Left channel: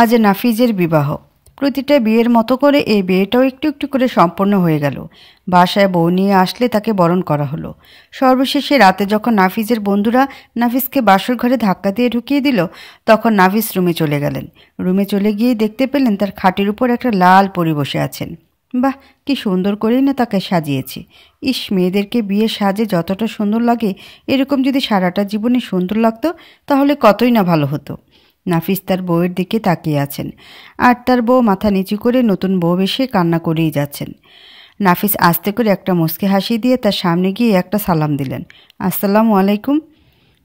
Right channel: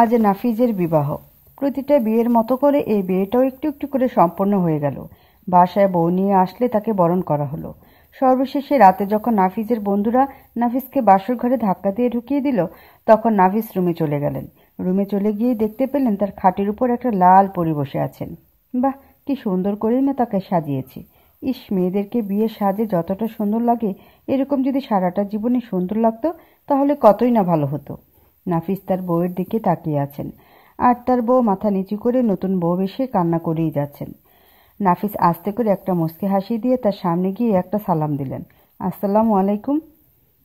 আজ নাফিজের বিবাহ। প্রতিটা বিয়ের মতো করে এই বিয়েটাও একটু একটু করে সম্পন্ন হয়ে গেল। বাসায় বউ নিয়ে আসলে তাকে বরণ করা হলো। সর্বশেষে রাতে যখন নাফিজের বন্ধুরা নাফিজকে বাসর ঘরে ধাক্কা দিয়ে ঢুকিয়ে দিল, তখন নাফিজ রুমে চলে গেলেন। রুমে চলে গিয়ে দেখতে পেলেন তার খাটের উপর একটা লাল পরী বসে আছেন। বাহ, কি সুন্দর করেই না তাকে সাজিয়েছে। ইস, মেয়েদেরকে বিয়ের সাজে যতটা সুন্দর লাগে, এরকম যদি সারাটা জীবনে সুন্দর লাগতো তাহলে কতই না ভালো হতো। নাফিস তার বউয়ের দিকে তাকিয়ে আছেন, আর তার বউ মাথা নিচু করে নতুন বউ এসে কান্না করেই যাচ্ছেন। নাফিস আস্তে করে একটা মুচকি হাসি দিয়ে তার সামনে গিয়ে একটা সালাম দিলেন। আসসালামু আলাইকুম।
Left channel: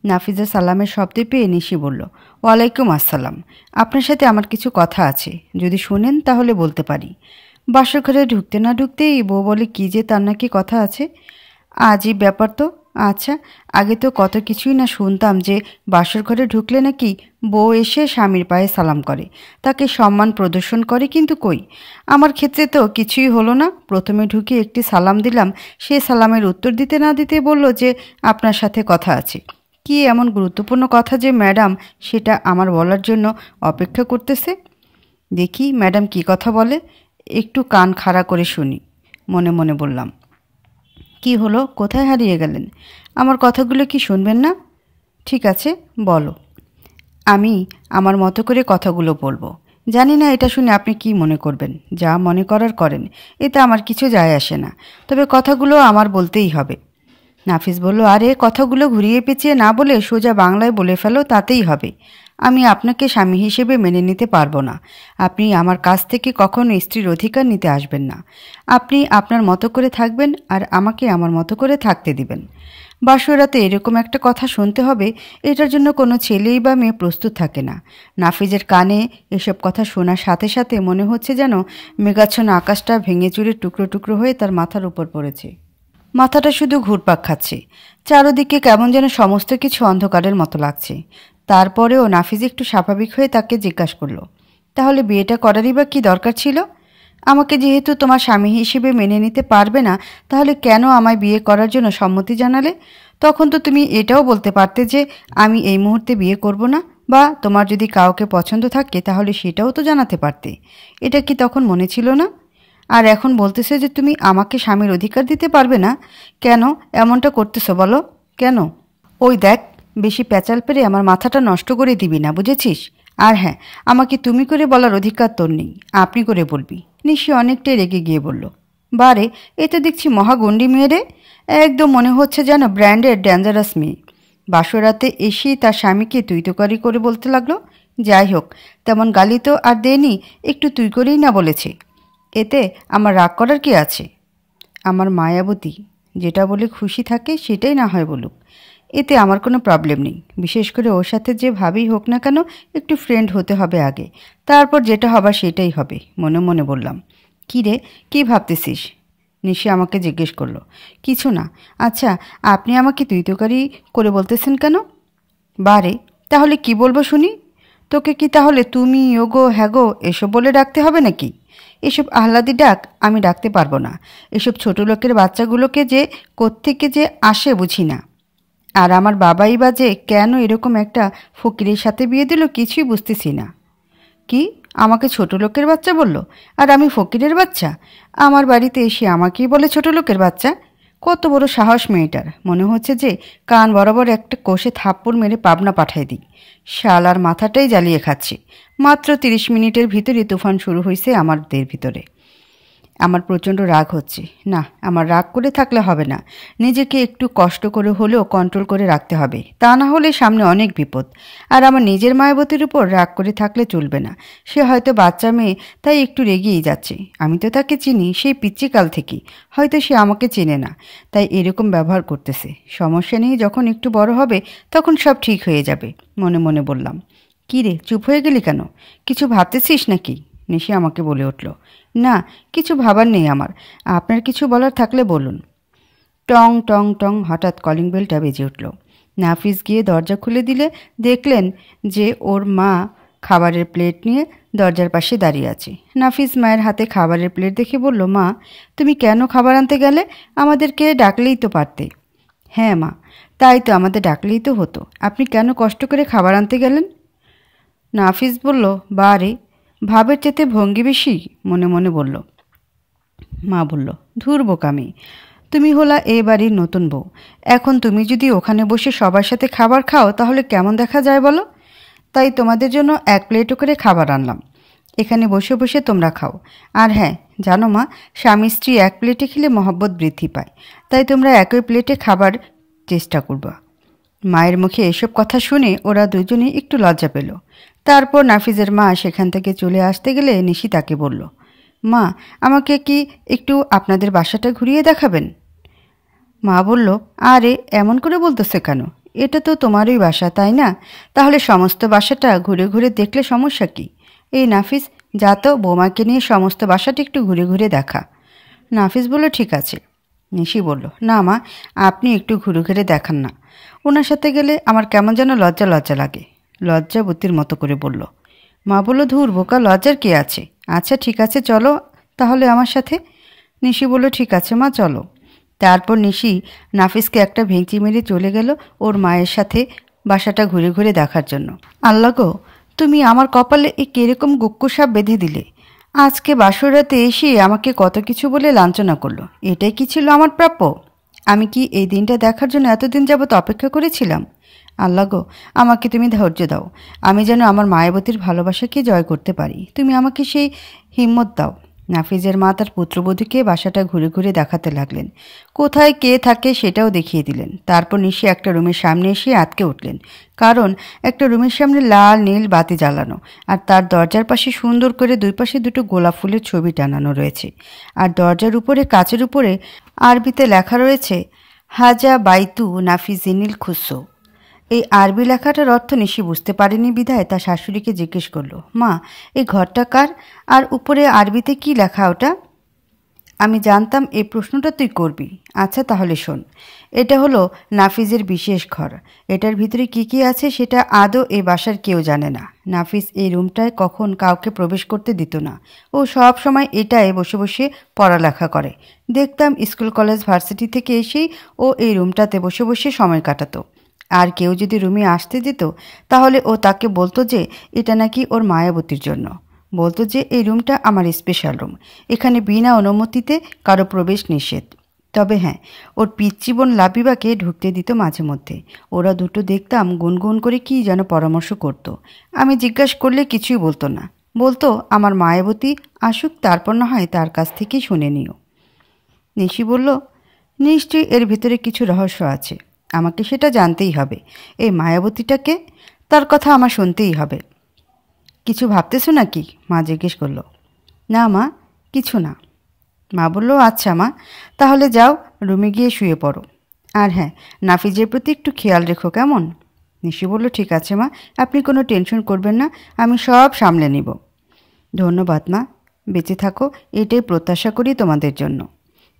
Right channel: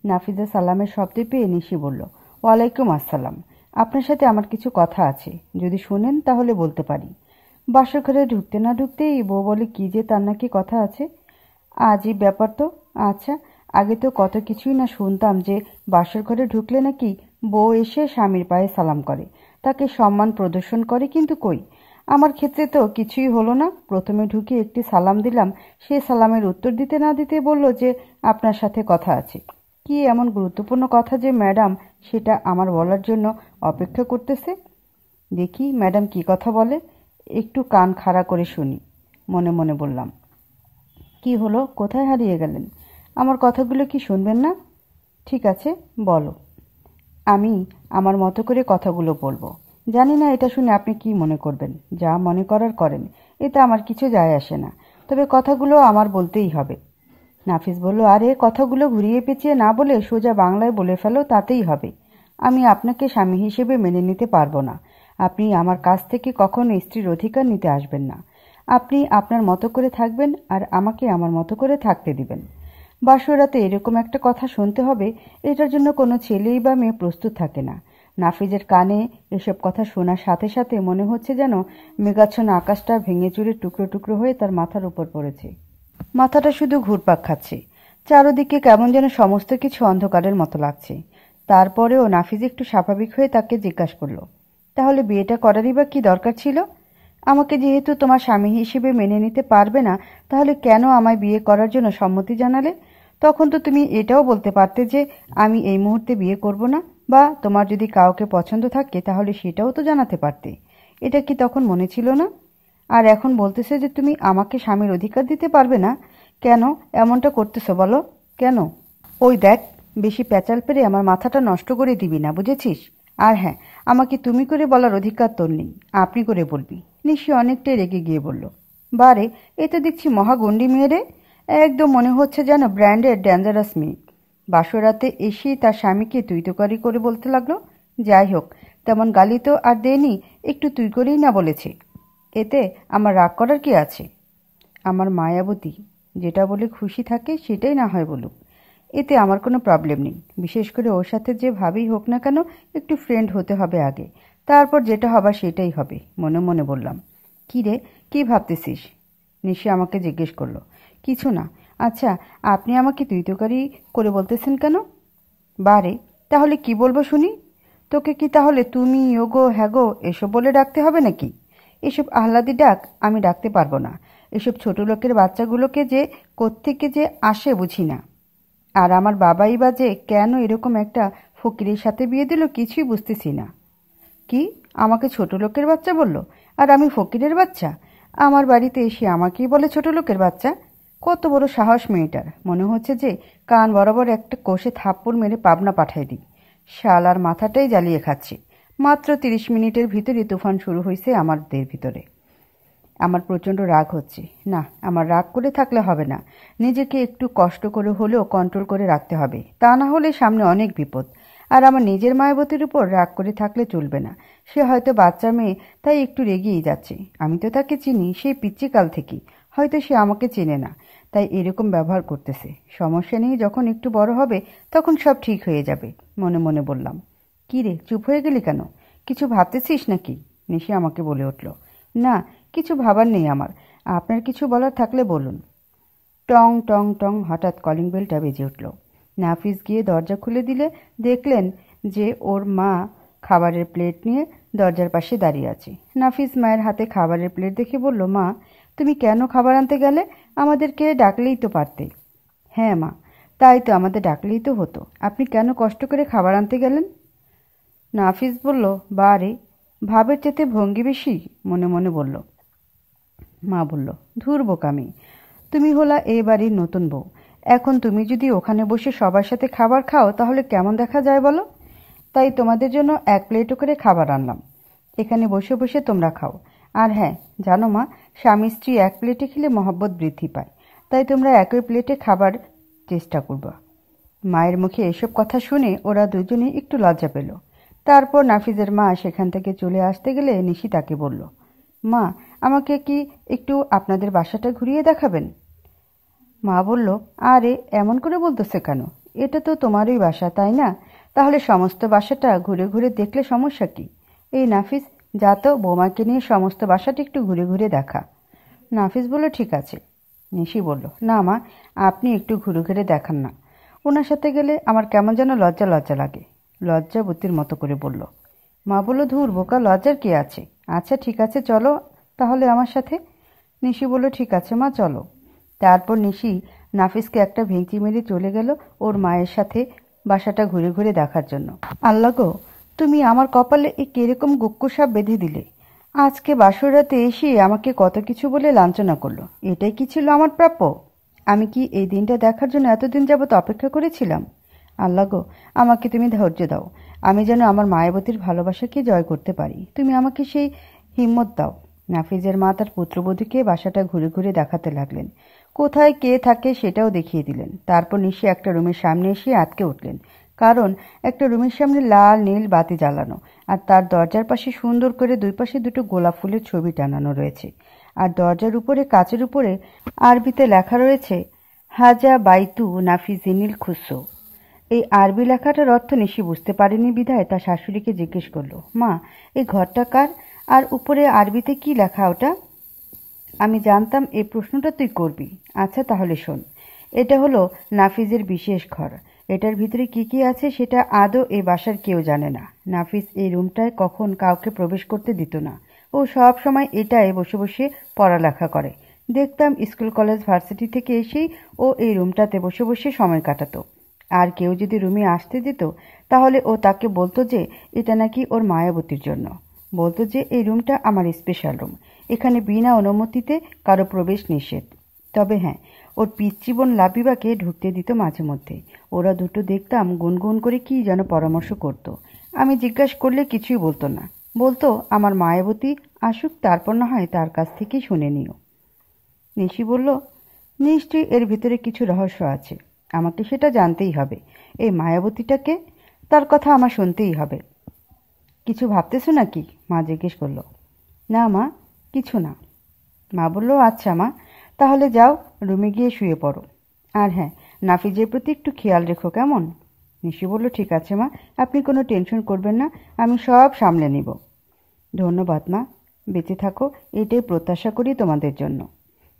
নাফিজের সালামের শব্দ পেয়ে নিশি বলল, ওয়ালাইকুম আসসালাম। আপনার সাথে আমার কিছু কথা আছে, যদি শুনেন তাহলে বলতে পারি। বাসর ঘরে ঢুকতে না ঢুকতেই বউ বলে কি যে তার নাকি কথা আছে। আজই ব্যাপার তো। আচ্ছা, আগে তো কত কিছুই না শুনতাম যে বাসর ঘরে ঢুকলে নাকি বউ এসে স্বামীর পায়ে সালাম করে, তাকে সম্মান প্রদর্শন করে, কিন্তু কই, আমার ক্ষেত্রে তো কিছুই হলো না। প্রথমে ঢুকে একটি সালাম দিলাম, সে সালামের উত্তর দিতে না দিতে বলল যে আপনার সাথে কথা আছে। কি এমন গুরুত্বপূর্ণ কথা যে ম্যাডাম সেটা আমার বলার জন্য অপেক্ষা করতেছে। দেখি ম্যাডাম কি কথা বলে, একটু কান খাড়া করে শুনি। মনে মনে বললাম, কি হলো, কোথায় হারিয়ে গেলেন? আমার কথাগুলো কি শুনবেন না? ঠিক আছে, বলো। আমি আমার মতো করে কথাগুলো বলবো। জানি না এটা শুনে আপনি কি মনে করবেন। যা মনে করার করেন, এতে আমার কিছু যায় আসে না, তবে কথাগুলো আমার বলতেই হবে। নাফিস বলল, আরে কথাগুলো ঘুরিয়ে পেঁচিয়ে না বলে সোজা বাংলায় বলে ফেলো, তাতেই হবে। আমি আপনাকে স্বামী হিসেবে মেনে নিতে পারবো না। আপনি আমার কাছ থেকে কখনো স্ত্রীর অধিকার নিতে আসবেন না। আপনি আপনার মতো করে থাকবেন আর আমাকে আমার মতো করে থাকতে দিবেন। বাসরাতে এরকম একটা কথা শুনতে হবে, এটার জন্য কোনো ছেলেই বা মেয়ে প্রস্তুত থাকে না। নাফিজের কানে এসব কথা শোনার সাথে সাথে মনে হচ্ছে যেন মেঘাচ্ছন্ন আকাশটা ভেঙে চুরে টুকরো টুকরো হয়ে তার মাথার উপর পড়েছে। মাথাটা শুধু ঘুরপাক খাচ্ছে। চারদিকে কেমন যেন সমস্ত কিছু অন্ধকারের মতো লাগছে। তারপরেও নাফিজ একটু স্বাভাবিক হয়ে তাকে জিজ্ঞাসা করল, তাহলে বিয়েটা করারই বা কী দরকার ছিল? আমাকে যেহেতু তোমার স্বামী হিসেবে মেনে নিতে পারবে না, তাহলে কেন আমায় বিয়ে করার জন্য সম্মতি জানালে? তখন তো তুমি এটাও বলতে পারতে যে আমি এই মুহূর্তে বিয়ে করব না, বা তোমার যদি কাউকে পছন্দ থাকে তাহলে সেটাও তো জানাতে পারতে। এটা কি তখন মনে ছিল না? আর এখন বলতেছে যে তুমি আমাকে স্বামীর অধিকার দিতে পারবে না। কেন এমনটা করতেছো বলো? কেন? ওই দেখ, বেশি প্যাচাল পেরে আমার মাথাটা নষ্ট করে দিবি না, বুঝেছিস? আর হ্যাঁ, আমাকে তুমি করে বলার অধিকার তোর নেই, আপনি করে বলবি। নিশি অনেকটাই রেগে গিয়ে বলল, বারে, এ তো দেখছি মহাগণ্ডী মেয়ে রে। একদম মনে হচ্ছে যেন ব্র্যান্ডের ডেঞ্জারাস মেয়ে। বাসরাতে এসেই তার স্বামীকে তুই তোকারি করে বলতে লাগলো। যাই হোক, তেমন গালি তো আর দেয়নি, একটু তুই করেই না বলেছে। এতে আমার রাগ করার কি আছে? আমার মায়াবতী যেটা বলে খুশি থাকে সেটাই না হয় বলুক, এতে আমার কোনো প্রবলেম নেই। বিশেষ করে ওর সাথে যে ভাবেই হোক না কেন, একটু ফ্রেন্ড হতে হবে আগে, তারপর যেটা হবার সেটাই হবে। মনে মনে বললাম, কী রে, কী ভাবতেছিস? নিশি আমাকে জিজ্ঞেস করলো। কিছু না। আচ্ছা, আপনি আমাকে তুই তোকারি করে বলতেছেন কেন? বারে, তাহলে কি বলবো শুনি? তোকে কি তাহলে তুমি, ওগো, হ্যাগো এসব বলে ডাকতে হবে নাকি? এসব আহ্লাদি ডাক আমি ডাকতে পারবো না। এসব ছোট লোকের বাচ্চাগুলোকে যে কোত্থেকে যে আসে বুঝি না। আর আমার বাবাই বা যে কেন এরকম একটা ফকিরের সাথে বিয়ে দিল কিছুই বুঝতেছি না। কি, আমাকে ছোট লোকের বাচ্চা বলল? আর আমি ফকিরের বাচ্চা? আমার বাড়িতে এসে আমাকেই বলে ছোট লোকের বাচ্চা? কত বড় সাহস মেয়েটার! মনে হচ্ছে যে কান বরাবর একটা কষে থাপ্পড় মেরে পাবনা পাঠায় দিই। শালার মাথাটাই জ্বালিয়ে খাচ্ছে। মাত্র 30 মিনিটের ভিতরে তুফান শুরু হয়েছে আমাদের ভিতরে। আমার প্রচণ্ড রাগ হচ্ছে। না, আমার রাগ করে থাকলে হবে না। নিজেকে একটু কষ্ট করে হলেও কন্ট্রোল করে রাখতে হবে, তা না হলে সামনে অনেক বিপদ। আর আমার নিজের মায়াবতীর উপর রাগ করে থাকলে চলবে না। সে হয়তো বাচ্চা মেয়ে, তাই একটু রেগেই যাচ্ছে। আমি তো তাকে চিনি সেই পিচ্চিকাল থেকেই। হয়তো সে আমাকে চেনে না, তাই এরকম ব্যবহার করতেছে। সমস্যা নেই, যখন একটু বড় হবে তখন সব ঠিক হয়ে যাবে। মনে মনে বললাম। কী রে, চুপ হয়ে গেলি কেন? কিছু ভাবতেছিস নাকি? নিশি আমাকে বলে উঠল, না, কিছু ভাবার নেই আমার। আপনার কিছু বলার থাকলে বলুন। টং টং টং হঠাৎ কলিং বেলটা বেজে উঠল। নাফিস গিয়ে দরজা খুলে দিলে দেখলেন যে ওর মা খাবারের প্লেট নিয়ে দরজার পাশে দাঁড়িয়ে আছে। নাফিস মায়ের হাতে খাবারের প্লেট দেখে বলল, মা, তুমি কেন খাবার আনতে গেলে? আমাদেরকে ডাকলেই তো পারতে। হ্যাঁ মা, তাই তো, আমাদের ডাকলেই তো হতো। আপনি কেন কষ্ট করে খাবার আনতে গেলেন? নাফিস বলল, বারে, ভাবের চেতে ভঙ্গি বেশি, মনে মনে বলল। মা বলল, ধুর বোকামি, তুমি হলা এ বাড়ির নতুন বউ। এখন তুমি যদি ওখানে বসে সবার সাথে খাবার খাও তাহলে কেমন দেখা যায় বলো? তাই তোমাদের জন্য 1 প্লেটও করে খাবার আনলাম। এখানে বসে বসে তোমরা খাও। আর হ্যাঁ, জানো মা, স্বামী স্ত্রী 1 প্লেটে খেলে মহব্বত বৃদ্ধি পায়। তাই তোমরা একই প্লেটে খাবার চেষ্টা করবা। মায়ের মুখে এসব কথা শুনে ওরা দুজনেই একটু লজ্জা পেল। তারপর নাফিজের মা সেখান থেকে চলে আসতে গেলে নিশি তাকে বলল, মা, আমাকে কি একটু আপনাদের বাসাটা ঘুরিয়ে দেখাবেন? মা বলল, আরে এমন করে বলতেছে কেন? এটা তো তোমারই বাসা, তাই না? তাহলে সমস্ত বাসাটা ঘুরে ঘুরে দেখলে সমস্যা কি? এই নাফিস, যা তো বৌমাকে নিয়ে সমস্ত বাসাটা একটু ঘুরে ঘুরে দেখা। নাফিস বলল, ঠিক আছে। নিশি বলল, না মা, আপনি একটু ঘুরে ঘুরে দেখান না। ওনার সাথে গেলে আমার কেমন যেন লজ্জা লজ্জা লাগে। লজ্জাবতীর মতো করে বলল। মা বলল, ধুর বোকা, লজ্জার কি আছে? আচ্ছা ঠিক আছে, চলো তাহলে আমার সাথে। নিশি বলল, ঠিক আছে মা, চলো। তারপর নিশি নাফিসকে একটা ভেঙচি মেরে চলে গেল ওর মায়ের সাথে বাসাটা ঘুরে ঘুরে দেখার জন্য। আল্লাহ গো, তুমি আমার কপালে এই কিরকম গুক্কুসাপ বেঁধে দিলে। আজকে বাসরাতে এসে আমাকে কত কিছু বলে লাঞ্ছনা করলো। এটাই কি ছিল আমার প্রাপ্য? আমি কি এই দিনটা দেখার জন্য এতদিন যাবত অপেক্ষা করেছিলাম? আল্লাহ গো, আমাকে তুমি ধৈর্য দাও। আমি যেন আমার মায়াবতীর ভালোবাসাকে জয় করতে পারি। তুমি আমাকে সেই হিম্মত দাও। নাফিজের মা তার পুত্রবধূকে বাসাটা ঘুরে ঘুরে দেখাতে লাগলেন। কোথায় কে থাকে সেটাও দেখিয়ে দিলেন। তারপর নিশি একটা রুমের সামনে এসে আটকে উঠলেন, কারণ একটা রুমের সামনে লাল নীল বাতি জ্বালানো, আর তার দরজার পাশে সুন্দর করে 2 পাশে 2টো গোলাপ ফুলের ছবি টানানো রয়েছে। আর দরজার উপরে, কাচের উপরে আরবিতে লেখা রয়েছে, হাজা বাইতু নাফিজিনিল খুসো। এই আরবি লেখাটার অর্থ নিশি বুঝতে পারেনি বিধায় তার শাশুড়িকে জিজ্ঞেস করলো, মা, এই ঘরটা কার? আর উপরে আরবিতে কি লেখা ওটা? আমি জানতাম এই প্রশ্নটা তুই করবি। আচ্ছা তাহলে শোন, এটা হলো নাফিজের বিশেষ ঘর। এটার ভিতরে কি কি আছে সেটা আদৌ এই বাসার কেউ জানে না। নাফিজ এই রুমটায় কখন কাউকে প্রবেশ করতে দিত না। ও সব সময় এটায় বসে বসে পড়ালেখা করে। দেখতাম স্কুল কলেজ ভার্সিটি থেকে এসেই ও এই রুমটাতে বসে বসে সময় কাটাতো। আর কেউ যদি রুমে আসতে দিত তাহলে ও তাকে বলতো যে এটা নাকি ওর মায়াবতীর জন্য। বলতো যে এই রুমটা আমার স্পেশাল রুম, এখানে বিনা অনুমতিতে কারো প্রবেশ নিষেধ। তবে হ্যাঁ, ওর পিচ্চি বোন লাবিবাকে ঢুকতে দিত মাঝে মধ্যে। ওরা দুটো দেখতাম গুনগুন করে কি যেন পরামর্শ করত। আমি জিজ্ঞাসা করলে কিছুই বলতো না। বলতো আমার মায়াবতী আসুক, তারপর না হয় তার কাছ থেকেই শুনে নিও। নিশি বলল, নিশ্চয়ই এর ভিতরে কিছু রহস্য আছে। আমাকে সেটা জানতেই হবে। এই মায়াবতীটাকে, তার কথা আমার শুনতেই হবে। কিছু ভাবতেছো নাকি? মা জিজ্ঞেস করলো। না মা, কিছু না। মা বলল, আচ্ছা মা, তাহলে যাও রুমে গিয়ে শুয়ে পড়ো। আর হ্যাঁ, নাফিজের প্রতি একটু খেয়াল রেখো, কেমন? নিশি বলল, ঠিক আছে মা, আপনি কোনো টেনশন করবেন না, আমি সব সামলে নিব। ধন্যবাদ মা, বেঁচে থাকো, এটাই প্রত্যাশা করি তোমাদের জন্য।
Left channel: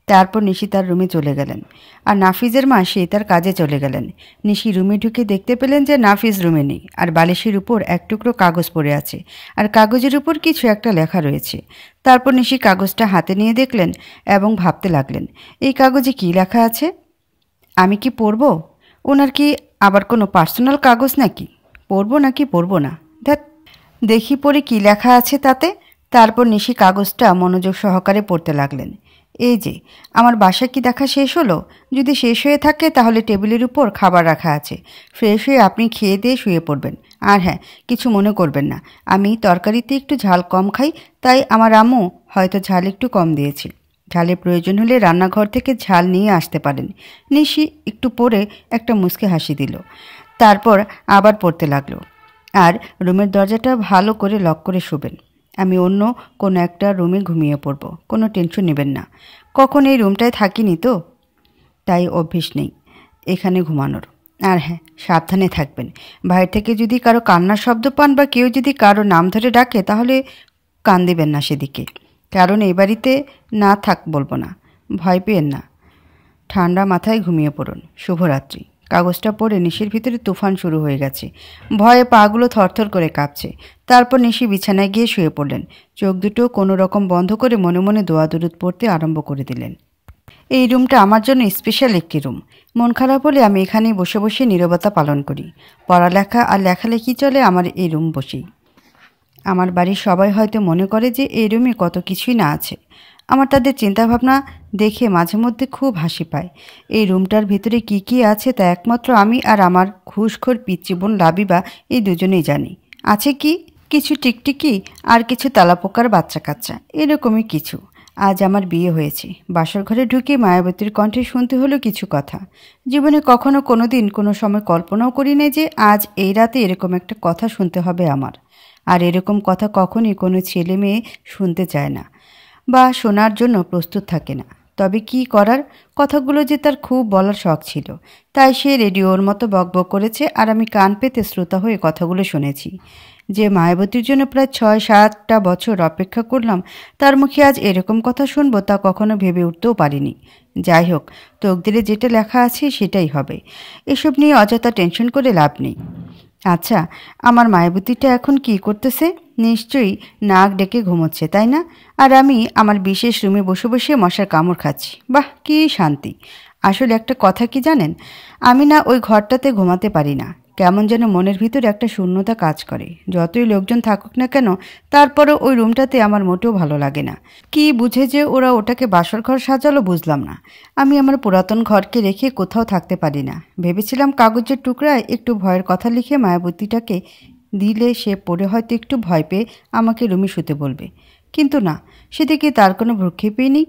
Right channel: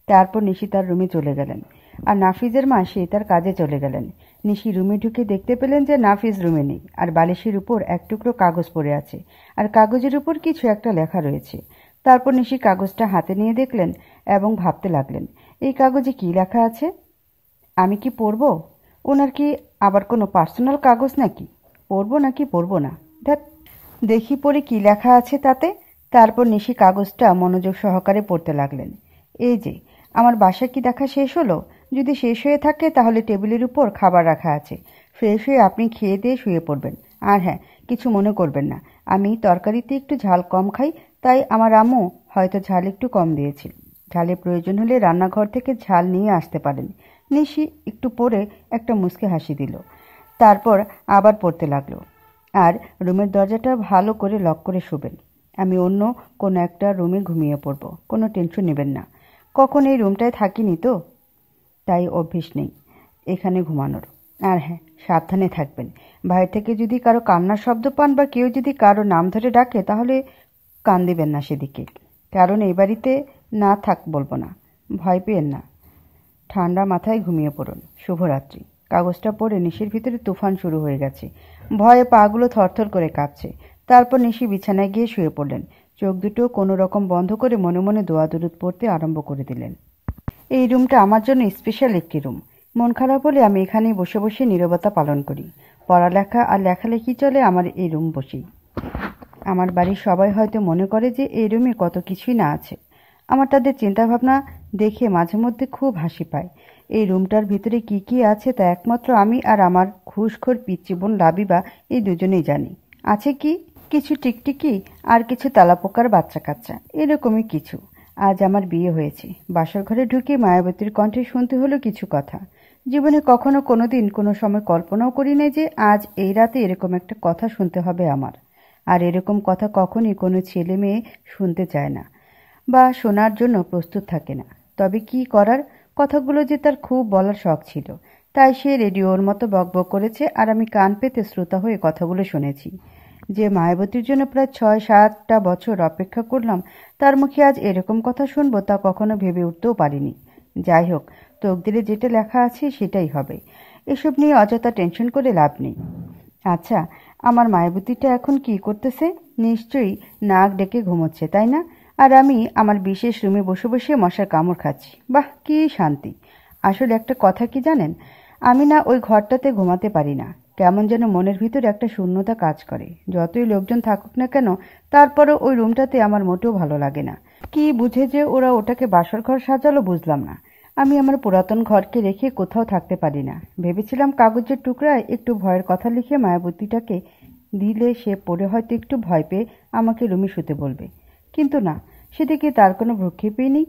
তারপর নিশি তার রুমে চলে গেলেন, আর নাফিজের মা সে তার কাজে চলে গেলেন। নিশি রুমে ঢুকে দেখতে পেলেন যে নাফিজ রুমে নেই, আর বালিশের উপর এক টুকরো কাগজ পড়ে আছে, আর কাগজের উপর কিছু একটা লেখা রয়েছে। তারপর নিশি কাগজটা হাতে নিয়ে দেখলেন এবং ভাবতে লাগলেন, এই কাগজে কি লেখা আছে? আমি কি পড়ব? ওনার কি আবার কোনো পার্সোনাল কাগজ নাকি? পড়ব নাকি পড়ব না, ধ্যাত, দেখি পড়ে কি লেখা আছে তাতে। তারপর নিশি কাগজটা মনোযোগ সহকারে পড়তে লাগলেন। এই যে, আমার বাসা কি দেখা শেষ হলো? যদি শেষ হয়ে থাকে তাহলে টেবিলের উপর খাবার রাখা আছে, ফ্রেশ হয়ে আপনি খেয়ে দিয়ে শুয়ে পড়বেন। আর হ্যাঁ, কিছু মনে করবেন না, আমি তরকারিতে একটু ঝাল কম খাই, তাই আমার আম্মু হয়তো ঝাল একটু কম দিয়েছে। ঝালের প্রয়োজন হলে রান্নাঘর থেকে ঝাল নিয়ে আসতে পারেন। নিশি একটু পরে একটা মুচকে হাসি দিল। তারপর আবার পড়তে লাগলো, আর রুমের দরজাটা ভালো করে লক করে শুবেন। আমি অন্য কোনো একটা রুমে ঘুমিয়ে পড়ব, কোনো টেনশন নেবেন না। কখন এই রুমটায় থাকিনি তো, তাই অভ্যেস নেই এখানে ঘুমানোর। আর হ্যাঁ, সাবধানে থাকবেন। বাইরে থেকে যদি কারো কান্নার শব্দ পান বা কেউ যদি কারো নাম ধরে ডাকে তাহলে কান দেবেন না সেদিকে, কারণ এই বাড়িতে না থাক বলবো না। ভয় পেয়েন না, ঠান্ডা মাথায় ঘুমিয়ে পড়ুন। শুভরাত্রি। কাগজটা পড়ে নিশির ভিতরে তুফান শুরু হয়ে গেছে। ভয়ে পাগুলো থরথর করে কাঁপছে। তারপর নিশি বিছানায় গিয়ে শুয়ে পড়লেন। চোখ দুটো কোনো রকম বন্ধ করে মনে মনে দোয়া দুরুদ পড়তে আরম্ভ করে দিলেন। এই রুমটা আমার জন্য স্পেশাল একটি রুম। মন খারাপ হলে আমি এখানেই বসে বসে নীরবতা পালন করি। পড়ালেখা আর লেখালেখি চলে আমার এই রুম বসেই। আমার বাড়ির সবাই হয়তো মনে করে যে এই রুমে কত কিছুই না আছে। আমার তাদের চিন্তাভাবনা দেখে মাঝে মধ্যে খুব হাসি পায়। এই রুমটার ভিতরে কি কি আছে তা একমাত্র আমি আর আমার ঘুষখোর পিচ্চি বোন লাবিবা এই দুজনেই জানি। আছে কি, কিছু টিকটিকি আর কিছু তেলাপোকার বাচ্চা কাচ্চা, এরকমই কিছু। আজ আমার বিয়ে হয়েছে। বাসর ঘরে ঢুকে মায়াবতীর কণ্ঠে শুনতে হলো কিছু কথা। জীবনে কখনো কোনো দিন কোনো সময় কল্পনাও করি নাই যে আজ এই রাতে এরকম একটা কথা শুনতে হবে আমার। আর এরকম কথা কখনই কোনো ছেলে মেয়ে শুনতে চায় না বা শোনার জন্য প্রস্তুত থাকে না। তবে কি করার, কথাগুলো যে তার খুব বলার শখ ছিল, তাই সে রেডিওর মতো বকবক করেছে আর আমি কান পেতে শ্রোতা হয়ে কথাগুলো শুনেছি। যে মায়াবতীর জন্য প্রায় ৬-৭টা বছর অপেক্ষা করলাম, তার মুখে আজ এরকম কথা শুনবো তা কখনো ভেবে উঠতেও পারিনি। যাই হোক, তকদিরে যেটা লেখা আছে সেটাই হবে। এসব নিয়ে অযথা টেনশন করে লাভ নেই। আচ্ছা, আমার মায়াবতীটা এখন কি করতেছে? নিশ্চয়ই নাক ডেকে ঘুমোচ্ছে, তাই না? আর আমি আমার বিশেষ রুমে বসে বসে মশার কামড় খাচ্ছি। বাহ, কী শান্তি! আসলে একটা কথা কি জানেন, আমি না ওই ঘরটাতে ঘুমাতে পারি না। কেমন যেন মনের ভিতরে একটা শূন্যতা কাজ করে। যতই লোকজন থাকুক না কেন, তারপরেও ওই রুমটাতে আমার মোটেও ভালো লাগে না। কি বুঝে যে ওরা ওটাকে বাসর ঘর সাজালো বুঝলাম না। আমি আমার পুরাতন ঘরকে রেখে কোথাও থাকতে পারি না। ভেবেছিলাম কাগজের টুকরায় একটু ভয়ের কথা লিখে মায়াবতীটাকে দিলে সে পড়ে হয়তো একটু ভয় পেয়ে আমাকে রুমে শুতে বলবে। কিন্তু না, সেদিকে তার কোনো ভ্রুক্ষেপই নেই।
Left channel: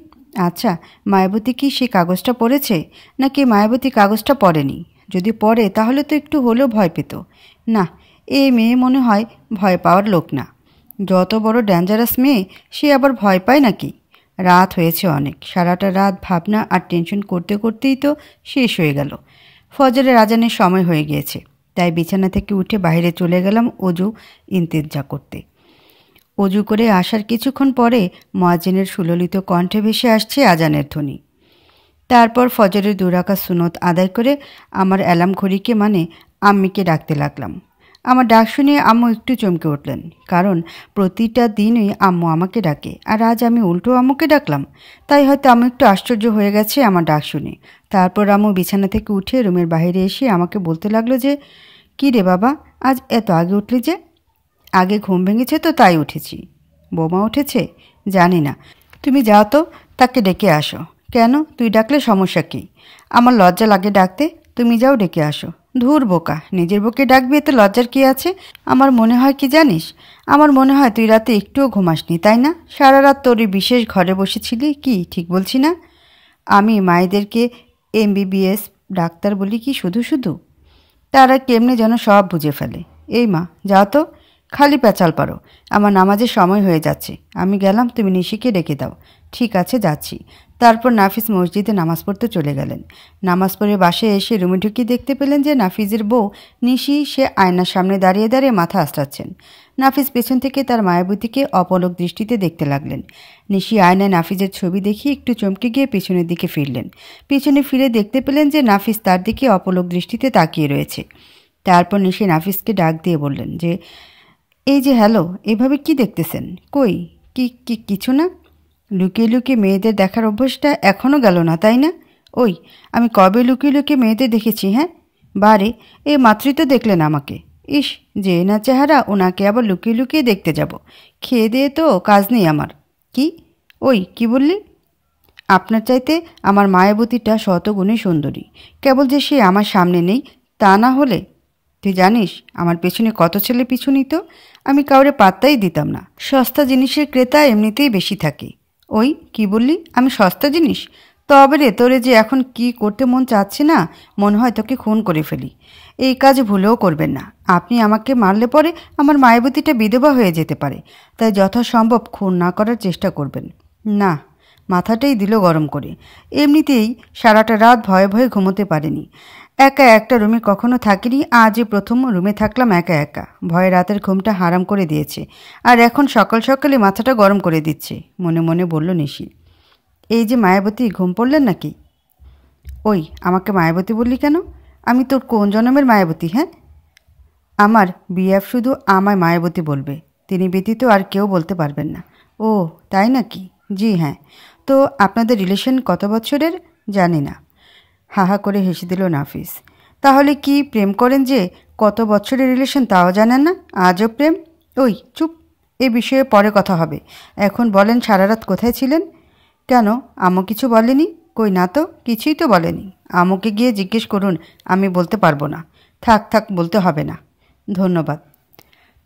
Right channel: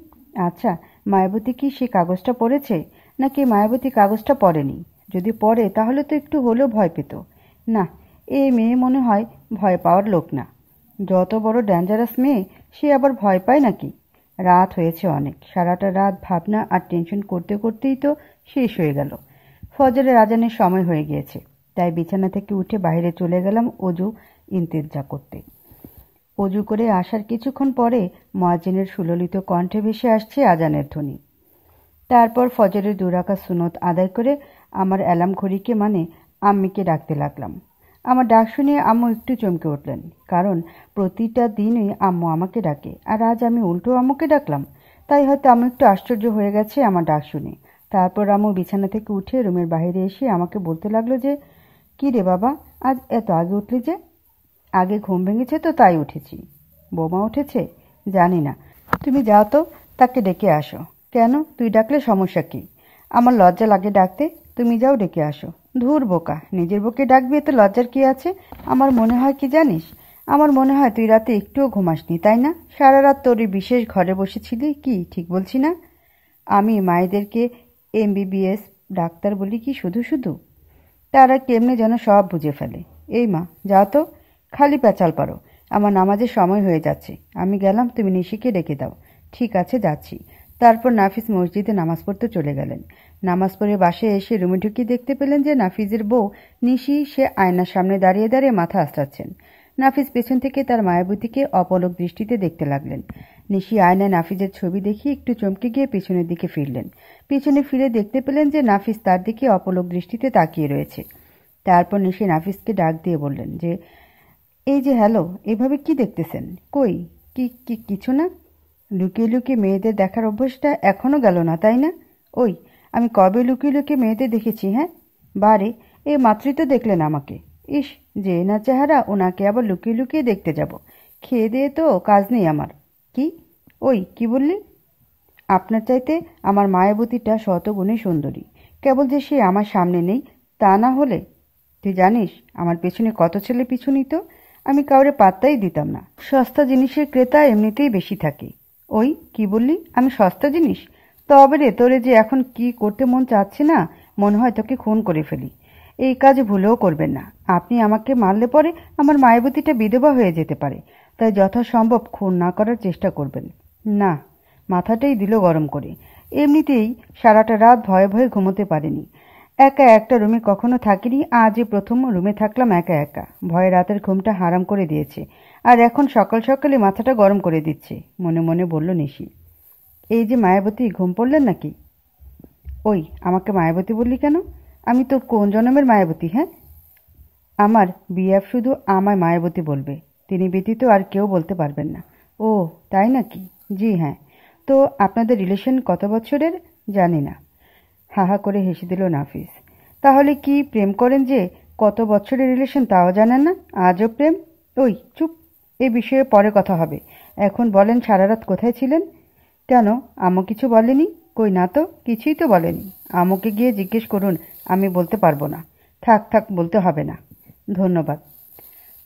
আচ্ছা, মায়াবতী কি সে কাগজটা পড়েছে, নাকি মায়াবতী কাগজটা পড়েনি? যদি পড়ে তাহলে তো একটু হলেও ভয় পেত। না, এ মেয়ে মনে হয় ভয় পাওয়ার লোক না। যত বড় ডেঞ্জারাস মেয়ে, সে আবার ভয় পায় নাকি? রাত হয়েছে অনেক। সারাটা রাত ভাবনা আর টেনশন করতে করতেই তো শেষ হয়ে গেল। ফজরের আজানের সময় হয়ে গিয়েছে, তাই বিছানা থেকে উঠে বাইরে চলে গেলাম অজু ইন্তেজা করতে। অজু করে আসার কিছুক্ষণ পরে মুয়াজ্জিনের সুললিত কণ্ঠে ভেসে আসছে আজানের ধ্বনি। তারপর ফজরের ২ রাকাত সুন্নত আদায় করে আমার অ্যালার্ম ঘড়িকে মানে আম্মিকে ডাকতে লাগলাম। আমার ডাক শুনে আম্মু একটু চমকে উঠলেন, কারণ প্রতিটা দিনই আম্মু আমাকে ডাকে, আর আজ আমি উল্টো আম্মুকে ডাকলাম। তাই হয়তো আম্মু একটু আশ্চর্য হয়ে গেছে আমার ডাক শুনে। তারপর আম্মু বিছানা থেকে উঠে রুমের বাইরে এসে আমাকে বলতে লাগলো যে, কী রে বাবা, আজ এত আগে উঠলি যে? আগে ঘুম ভেঙেছে তো তাই উঠেছি। বোমা উঠেছে? জানি না। তুমি যাও তো, তাকে ডেকে আসো। কেন, তুই ডাকলে সমস্যা কী? আমার লজ্জা লাগে ডাকতে, তুমি যাও ডেকে আসো। ধুর বোকা, নিজের বউকে ডাকবি, এতে লজ্জার কী আছে? আমার মনে হয় কি জানিস, আমার মনে হয় তুই রাতে একটুও ঘুমাসনি, তাই না? সারা রাত তোর এই বিশেষ ঘরে বসেছিলি কি, ঠিক বলছি না? আমি মায়েদেরকে এমবিবিএস ডাক্তার বলি কি শুধু শুধু? তারা কেমনে যেন সব বুঝে ফেলে। এই মা, যাও তো, খালি পেঁচাল পারো। আমার নামাজের সময় হয়ে যাচ্ছে, আমি গেলাম, তুমি নিশিকে ডেকে দাও। ঠিক আছে, যাচ্ছি। তারপর নাফিস মসজিদে নামাজ পড়তে চলে গেলেন। নামাজ পড়ে বাসায় এসে রুমে ঢুকে দেখতে পেলেন যে নাফিজের বউ নিশি সে আয়নার সামনে দাঁড়িয়ে দাঁড়িয়ে মাথা আঁচড়াচ্ছেন। নাফিস পেছন থেকে তার মায়াবতীকে অপলক দৃষ্টিতে দেখতে লাগলেন। নিশি আয়নায় নাফিজের ছবি দেখে একটু চমকে গিয়ে পিছনের দিকে ফিরলেন। পিছনে ফিরে দেখতে পেলেন যে নাফিস তার দিকে অপলক দৃষ্টিতে তাকিয়ে রয়েছে। তারপর নিশি নাফিসকে ডাক দিয়ে বললেন যে, এই যে হ্যালো, এভাবে কি দেখতেছেন? কই, কিছু না। লুকিয়ে লুকিয়ে মেয়েদের দেখার অভ্যাসটা এখনও গেল না, তাই না? ওই, আমি কবে লুকিয়ে লুকিয়ে মেয়েদের দেখেছি? হ্যাঁ, বারে, এই মাত্রই তো দেখলেন আমাকে। ইস, যে না চেহারা, ওনাকে আবার লুকিয়ে লুকিয়ে দেখতে যাব? খেয়ে দিয়ে তো কাজ নেই আমার। কি? ওই, কি বললি? আপনার চাইতে আমার মায়াবতীটা শতগুণে সুন্দরী। কেবল যে সে আমার সামনে নেই, তা না হলে। তুই জানিস আমার পেছনে কত ছেলে পিছু নিত? আমি কাউরে পাত্তাই দিতাম না। সস্তা জিনিসের ক্রেতা এমনিতেই বেশি থাকে। ওই, কি বললি? আমি সস্তা জিনিস? তবে রে, তোরে যে এখন কি করতে মন চাচ্ছে না, মনে হয় তোকে খুন করে ফেলি। এই কাজ ভুলেও করবেন না। আপনি আমাকে মারলে পরে আমার মায়াবতীটা বিধবা হয়ে যেতে পারে, তাই যথাসম্ভব খুন না করার চেষ্টা করবেন। না, মাথাটাই দিল গরম করে। এমনিতেই সারাটা রাত ভয়ে ভয়ে ঘুমোতে পারিনি। একা একটা রুমে কখনো থাকিনি, আজই প্রথম রুমে থাকলাম একা একা। ভয়ে রাতের ঘুমটা হারাম করে দিয়েছে, আর এখন সকাল সকালে মাথাটা গরম করে দিচ্ছে, মনে মনে বলল নিশি। এই যে মায়াবতী, ঘুম পড়লেন নাকি? ওই, আমাকে মায়াবতী বললি কেন? আমি তোর কোন জন্মের মায়াবতী? হ্যাঁ, আমার বিএফ শুধু আমায় মায়াবতী বলবে, তিনি ব্যতীত আর কেউ বলতে পারবেন না। ও, তাই নাকি? জি হ্যাঁ। তো আপনাদের রিলেশন কত বছরের? জানি না। হাহা করে হেসে দিল নাফিস। তাহলে কি প্রেম করেন যে? কত বছরের রিলেশন তাও জানেন না? আজও প্রেম? ওই চুপ, এ বিষয়ে পরে কথা হবে। এখন বলেন সারা রাত কোথায় ছিলেন? কেন, আম্মু কিছু বলেনি? কই না তো, কিছুই তো বলেনি। আম্মুকে গিয়ে জিজ্ঞেস করুন, আমি বলতে পারবো না। থাক থাক, বলতে হবে না। ধন্যবাদ।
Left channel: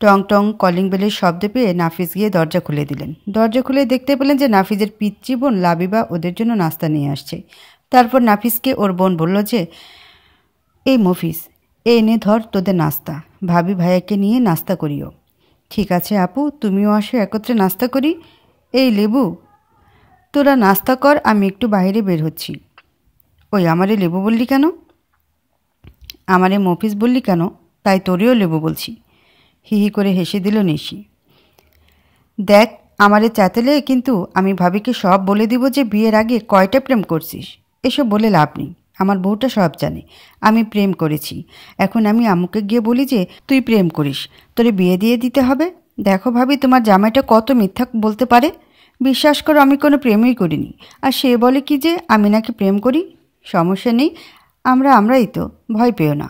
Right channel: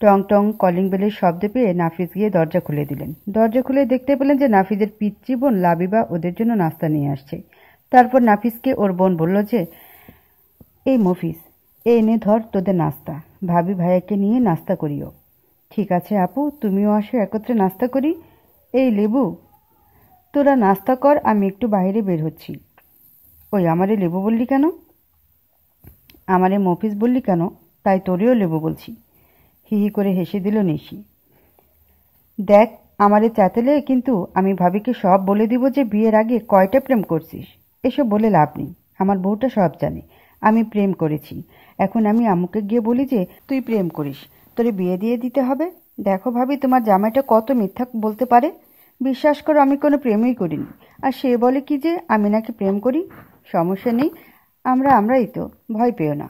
টং টং কলিং বেলের শব্দ পেয়ে নাফিস গিয়ে দরজা খুলে দিলেন। দরজা খুলে দেখতে পেলেন যে নাফিসের পিচ্চি বোন লাবিবা ওদের জন্য নাস্তা নিয়ে আসছে। তারপর নাফিসকে ওর বোন বলল যে, এই মফিস, এই নে ধর তোদের নাস্তা, ভাবি ভাইয়াকে নিয়ে নাস্তা করিও। ঠিক আছে আপু, তুমিও আসো, একত্রে নাস্তা করি। এই লেবু, তোরা নাস্তা কর, আমি একটু বাইরে বের হচ্ছি। ওই আমারে লেবু বললি কেন? আমারে মফিস বললি কেন? তাই তোরেও লেবু বলছি। হি হি করে হেসে দিল নিশি। দেখ, আমারে চাতেলে কিন্তু আমি ভাবিকে সব বলে দিব যে বিয়ের আগে কয়টা প্রেম করছিস। এসব বলে লাভ নেই, আমার বউটা সব জানে আমি প্রেম করেছি। এখন আমি আম্মুকে গিয়ে বলি যে তুই প্রেম করিস, তোরে বিয়ে দিয়ে দিতে হবে? দেখো ভাবি, তোমার জামাইটা কত মিথ্যা বলতে পারে। বিশ্বাস করো, আমি কোনো প্রেমই করিনি। আর সে বলে কি যে আমি নাকি প্রেম করি। সমস্যা নেই, আমরাই তো, ভয় পেও না।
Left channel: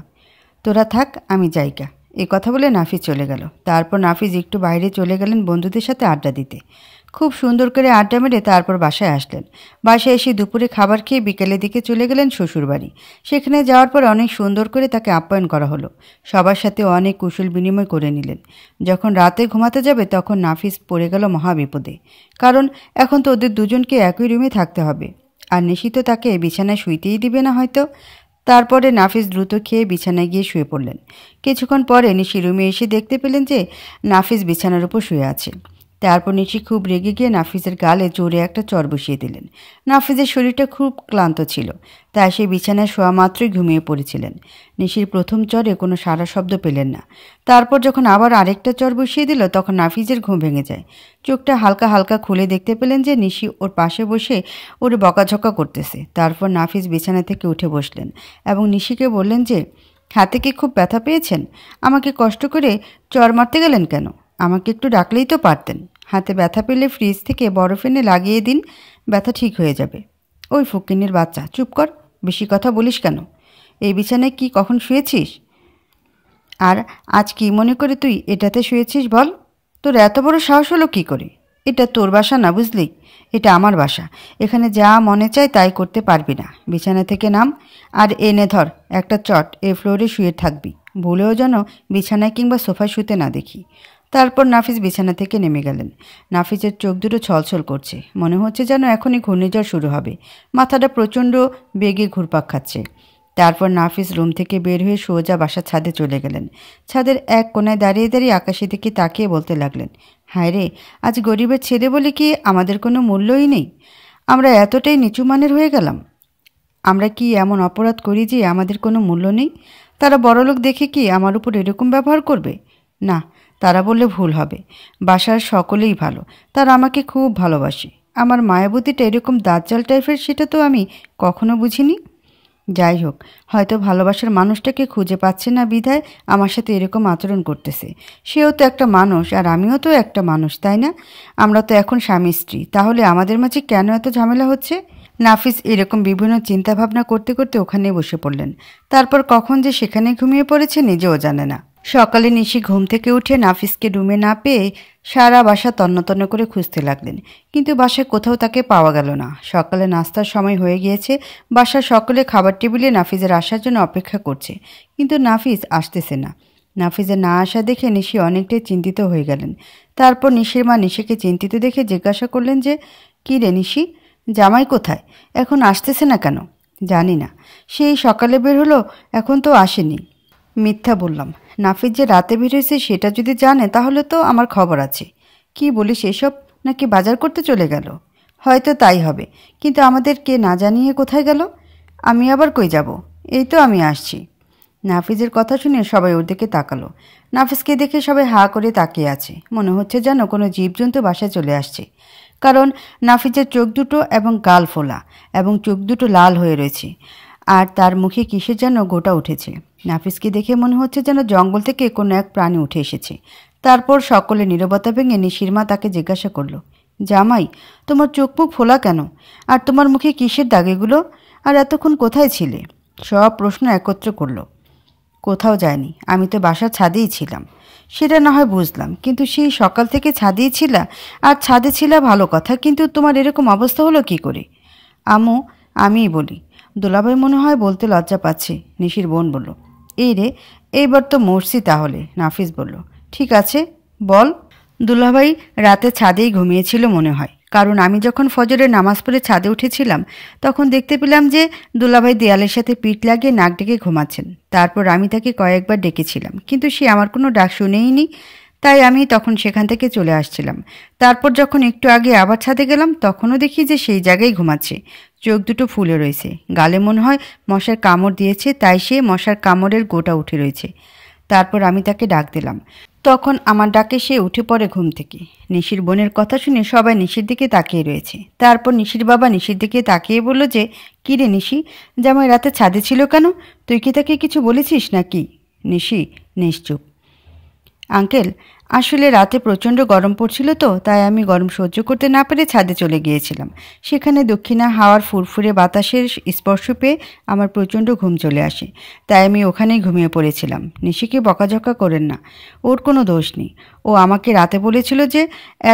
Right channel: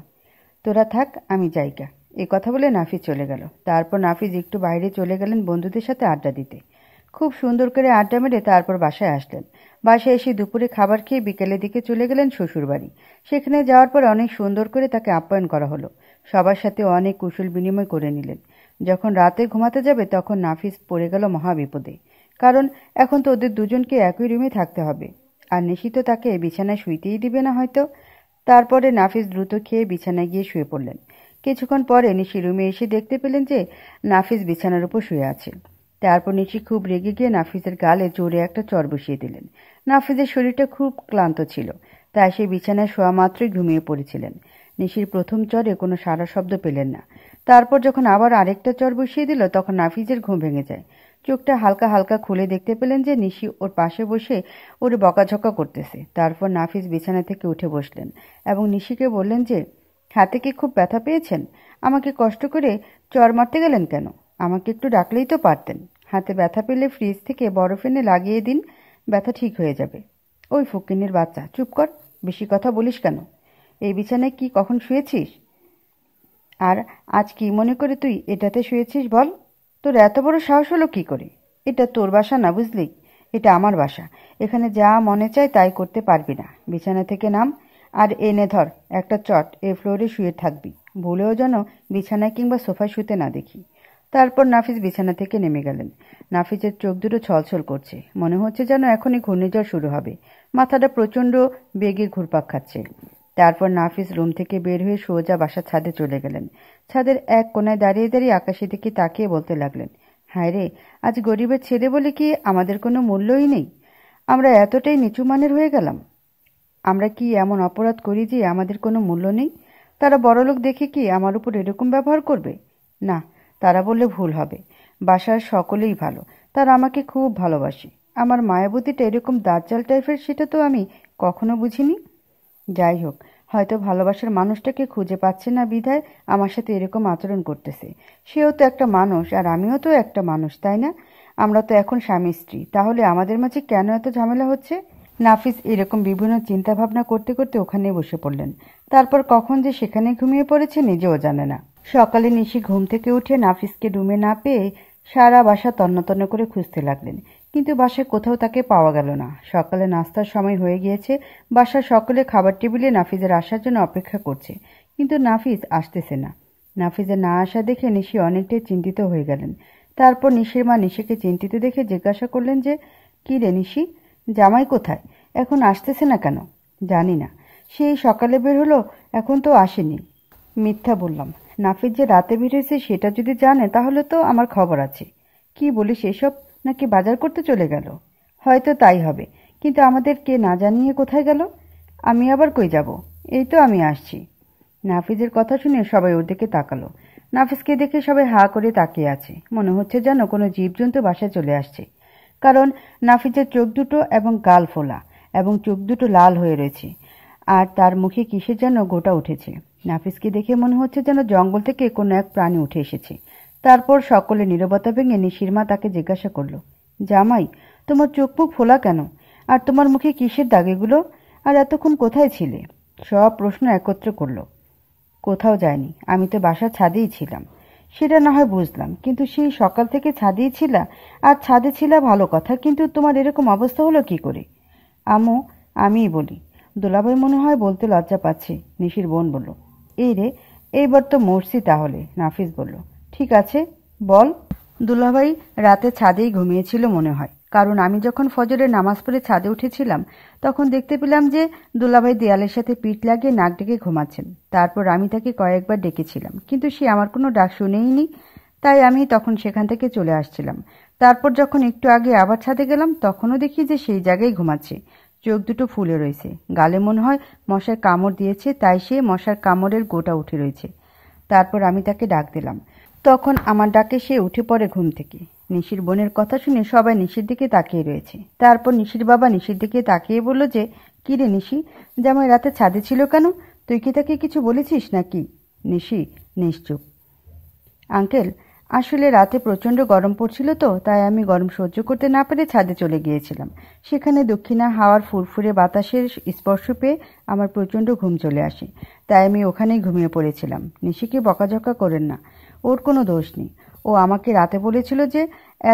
তোরা থাক, আমি যাইগা। এ কথা বলে নাফিস চলে গেল। তারপর নাফিস একটু বাইরে চলে গেলেন বন্ধুদের সাথে আড্ডা দিতে। খুব সুন্দর করে আড্ডা মেরে তারপর বাসায় আসলেন। বাসায় এসে দুপুরে খাবার খেয়ে বিকেলের দিকে চলে গেলেন শ্বশুরবাড়ি। সেখানে যাওয়ার পর অনেক সুন্দর করে তাকে আপ্যায়ন করা হলো। সবার সাথে অনেক কুশল বিনিময় করে নিলেন। যখন রাতে ঘুমাতে যাবে তখন নাফিস পড়ে গেল মহাবিপদে। কারণ এখন তো ওদের দুজনকে একই রুমে থাকতে হবে, আর নিশিত তাকে বিছানায় শুইতেই দিবে না হয়তো। তারপরে নাফিস দ্রুত খেয়ে বিছানায় গিয়ে শুয়ে পড়লেন। কিছুক্ষণ পরে নিশি রুমে এসে দেখতে পেলেন যে নাফিস বিছানার উপর শুয়ে আছে। তারপর নিশি খুব রেগে গিয়ে নাফিসের গালে জোরে একটা চড় বসিয়ে দিলেন। নাফিসের শরীরটা খুব ক্লান্ত ছিল, তাই সে বিছানায় শোয়া মাত্রই ঘুমিয়ে পড়েছিলেন। নিশির প্রথম চরে কোনো সারা শব্দ পেলেন না। তারপর যখন আবার আরেকটা চর বসিয়ে দিল তখন নাফিসের ঘুম ভেঙে যায়। চোখটা হালকা হালকা খুলে দেখতে পেলেন যে নিশি ওর পাশে বসে ওর বকাঝকা করতেছে। তারপর নাফিস বিছানা থেকে উঠে বসলেন এবং নিশিকে বললেন যে, হাতে কি খুব ব্যথা পেয়েছেন? আমাকে কষ্ট করে চর মারতে গেলেন কেন? আমাকে একটু ডাকলেই তো পারতেন। হাতে ব্যথা পেলে ফ্রিজ থেকে বরফ এনে লাগিয়ে দিন, ব্যথা ঠিক হয়ে যাবে। ওই ফকিন্নির বাচ্চা, চুপ কর, বেশি কথা বলিস কেন? এই বিছানায় কি কখন শুয়েছিস? আর আজ কি মনে করে তুই এটাতে শুয়েছিস বল? তোর এত বড় সাহস হলো কি করে? এটা তোর বাসা না, বুঝলি? এটা আমার বাসা। এখানে যা মনে চায় তাই করতে পারবি না। বিছানা থেকে নাম, আর এনে ধর একটা চট, এ ফ্লোরে শুয়ে থাকবি। ভুলেও যেন বিছানায় কিংবা সোফায় শুতে না দেখি। তারপর নাফিস বিছানা থেকে নেমে গেলেন। নাফিসের চোখ দুটো ছলছল করছে, মনে হচ্ছে যেন এখনই ঘূর্ণিঝড় শুরু হবে। মাথাটা প্রচণ্ড বেগে ঘুরপাক খাচ্ছে। তারপর নাফিস রুম থেকে বের হয়ে সোজা বাসার ছাদে চলে গেলেন। ছাদের এক কোনায় দাঁড়িয়ে দাঁড়িয়ে আকাশের দিকে তাকিয়ে বলতে লাগলেন, হায় রে, আজ গরিবের ছেলে বলে কি আমাদের কোনো মূল্যই নেই? আমরা এতটাই নিচু মানের হয়ে গেলাম। আমরা কি এমন অপরাধ করি যে আমাদের কোনো মূল্য নেই? তারা বড়লোক দেখে কি আমার উপর এরকম ব্যবহার করবে? না, তারা বললে ভুল হবে। বাসার সকলেই ভালো, তারা আমাকে খুব ভালোবাসে। আমার মায়াবতীটা এরকম দাজ্জাল টাইপের সেটা তো আমি কখনো বুঝিনি। যাই হোক, হয়তো ভালোবাসার মানুষটাকে খুঁজে পাচ্ছে না বিধায় আমার সাথে এরকম আচরণ করতেছে। সেও তো একটা মানুষ আর আমিও তো একটা মানুষ, তাই না? আমরা তো এখন স্বামী স্ত্রী, তাহলে আমাদের মাঝে কেন এত ঝামেলা হচ্ছে? নাফিস এরকম বিভিন্ন চিন্তাভাবনা করতে করতে ওখানে বসে পড়লেন। তারপর কখন যে সেখানে ঘুমিয়ে পড়েছে নিজেও জানে না। সকালে নিশি ঘুম থেকে উঠে নাফিসকে রুমে না পেয়ে সারা বাসা তন্ন করে খুঁজতে লাগলেন, কিন্তু বাসায় কোথাও তাকে পাওয়া গেল না। সকালে নাস্তার সময় হয়ে গিয়েছে। বাসার সকলে খাবার টেবিলে নাফিসের আসার জন্য অপেক্ষা করছে, কিন্তু নাফিস আসতেছে না। নাফিসের না আসা দেখে নিশি অনেকটাই চিন্তিত হয়ে গেলেন। তারপর নিশির মা নিশিকে চিন্তিত দেখে জিজ্ঞাসা করলেন যে, কী রে নিশি, জামাই কোথায়? এখন আসতেছে না কেন? জানি না, সেই সকালে বের হলো, এখন তো আসেনি। মিথ্যা বললাম। নাফিস যে রাতে বের হয়েছে সেটা যদি জানে তাহলে তো আমার খবর আছে। কি বলিস এসব? নাকি বাজার করতে চলে গেল? হয়তো তাই হবে, কিন্তু আমাদের কে না জানিয়ে কোথায় গেল? আমি আবার কই যাব? এই তো আমি আসছি। নাফিজের কথা শুনে সবাই ওর দিকে তাকালো। নাফিসকে দেখে সবাই হা করে তাকিয়ে আছে, মনে হচ্ছে যেন কোনো জীবজন্তু বাসায় চলে আসছে। কারণ নাফিজের চোখ দুটো এবং গাল ফোলা এবং চোখ দুটো লাল হয়ে রয়েছে, আর তার মুখে কিসের যেন গোটা উঠেছে। নাফিসকে দেখে মনে হচ্ছে যেন জঙ্গল থেকে কোনো এক প্রাণী উঠে এসেছে। তারপর সকলে নীরবতা ভেঙে নিশির মা তাকে জিজ্ঞাসা করলো, জামাই, তোমার চোখ মুখ ফোলা কেন? আর তোমার মুখে কিসের দাগ এগুলো? আর এতক্ষণ কোথায় ছিলে? সব প্রশ্ন একত্র করলো। কোথাও যায়নি, আমি তো বাসার ছাদেই ছিলাম। সেটা না হয় বুঝলাম, কিন্তু সেই সকাল থেকে ছাদেই ছিলা, আর ছাদে ছিলা ভালো কথা, কিন্তু তোমার এরকম অবস্থা হলো কি করে? আম্মু, আমিই বলি। দুলাভাই মনে হয় বলতে লজ্জা পাচ্ছে, নিশির বোন বলল। এই রে, এইবার তো মরছি তাহলে, নাফিস বলল। ঠিক আছে, বল। দুলাভাই রাতে ছাদেই ঘুমিয়েছিল মনে হয়, কারণ আমি যখন ফজরের নামাজ পড়ে ছাদে উঠেছিলাম তখন দেখতে পেলাম যে দুলাভাই দেয়ালের সাথে পিঠ লাগিয়ে নাক ডেকে ঘুমাচ্ছেন। তারপর আমি তাকে কয়েকবার ডেকেছিলাম, কিন্তু সে আমার কোনো ডাক শুনেইনি, তাই আমি তখন সেখান থেকে চলে আসছিলাম। তারপর যখন একটু আগে আবার ছাদে গেলাম তখনও দেখি যে সেই জায়গায় ঘুমাচ্ছে, চোখ দুটো ফুলে রয়েছে, গালে মনে হয় মশার কামড় দিয়েছে, তাই সে মশার কামড়ের গোটা উঠে রয়েছে। তারপর আমি তাকে ডাক দিলাম, তখন আমার ডাকে সে উঠে পড়ে ঘুম থেকে। নিশির বোনের কথা শুনে সবাই নিশির দিকে তাকিয়ে রয়েছে। তারপর নিশির বাবা নিশির দিকে তাকিয়ে বলল যে, কী রে নিশি, জামাই রাতে ছাদে ছিল কেন? তুই কি তাকে কিছু বলেছিস নাকি? নিশি নিশ্চুপ। আঙ্কেল, আসলে রাতে প্রচণ্ড গরম পড়ছিল তো, তাই আমি গরম সহ্য করতে না পেরে ছাদে চলে গিয়েছিলাম। সেখানে দক্ষিণা হাওয়ার ফুরফুরে বাতাসের স্পর্শ পেয়ে আমার প্রচণ্ড ঘুম চলে আসে, তাই আমি ওখানেই ঘুমিয়ে পড়েছিলাম। নিশিকে বকাঝকা করেন না, ওর কোনো দোষ নেই। ও আমাকে রাতে বলেছিল যে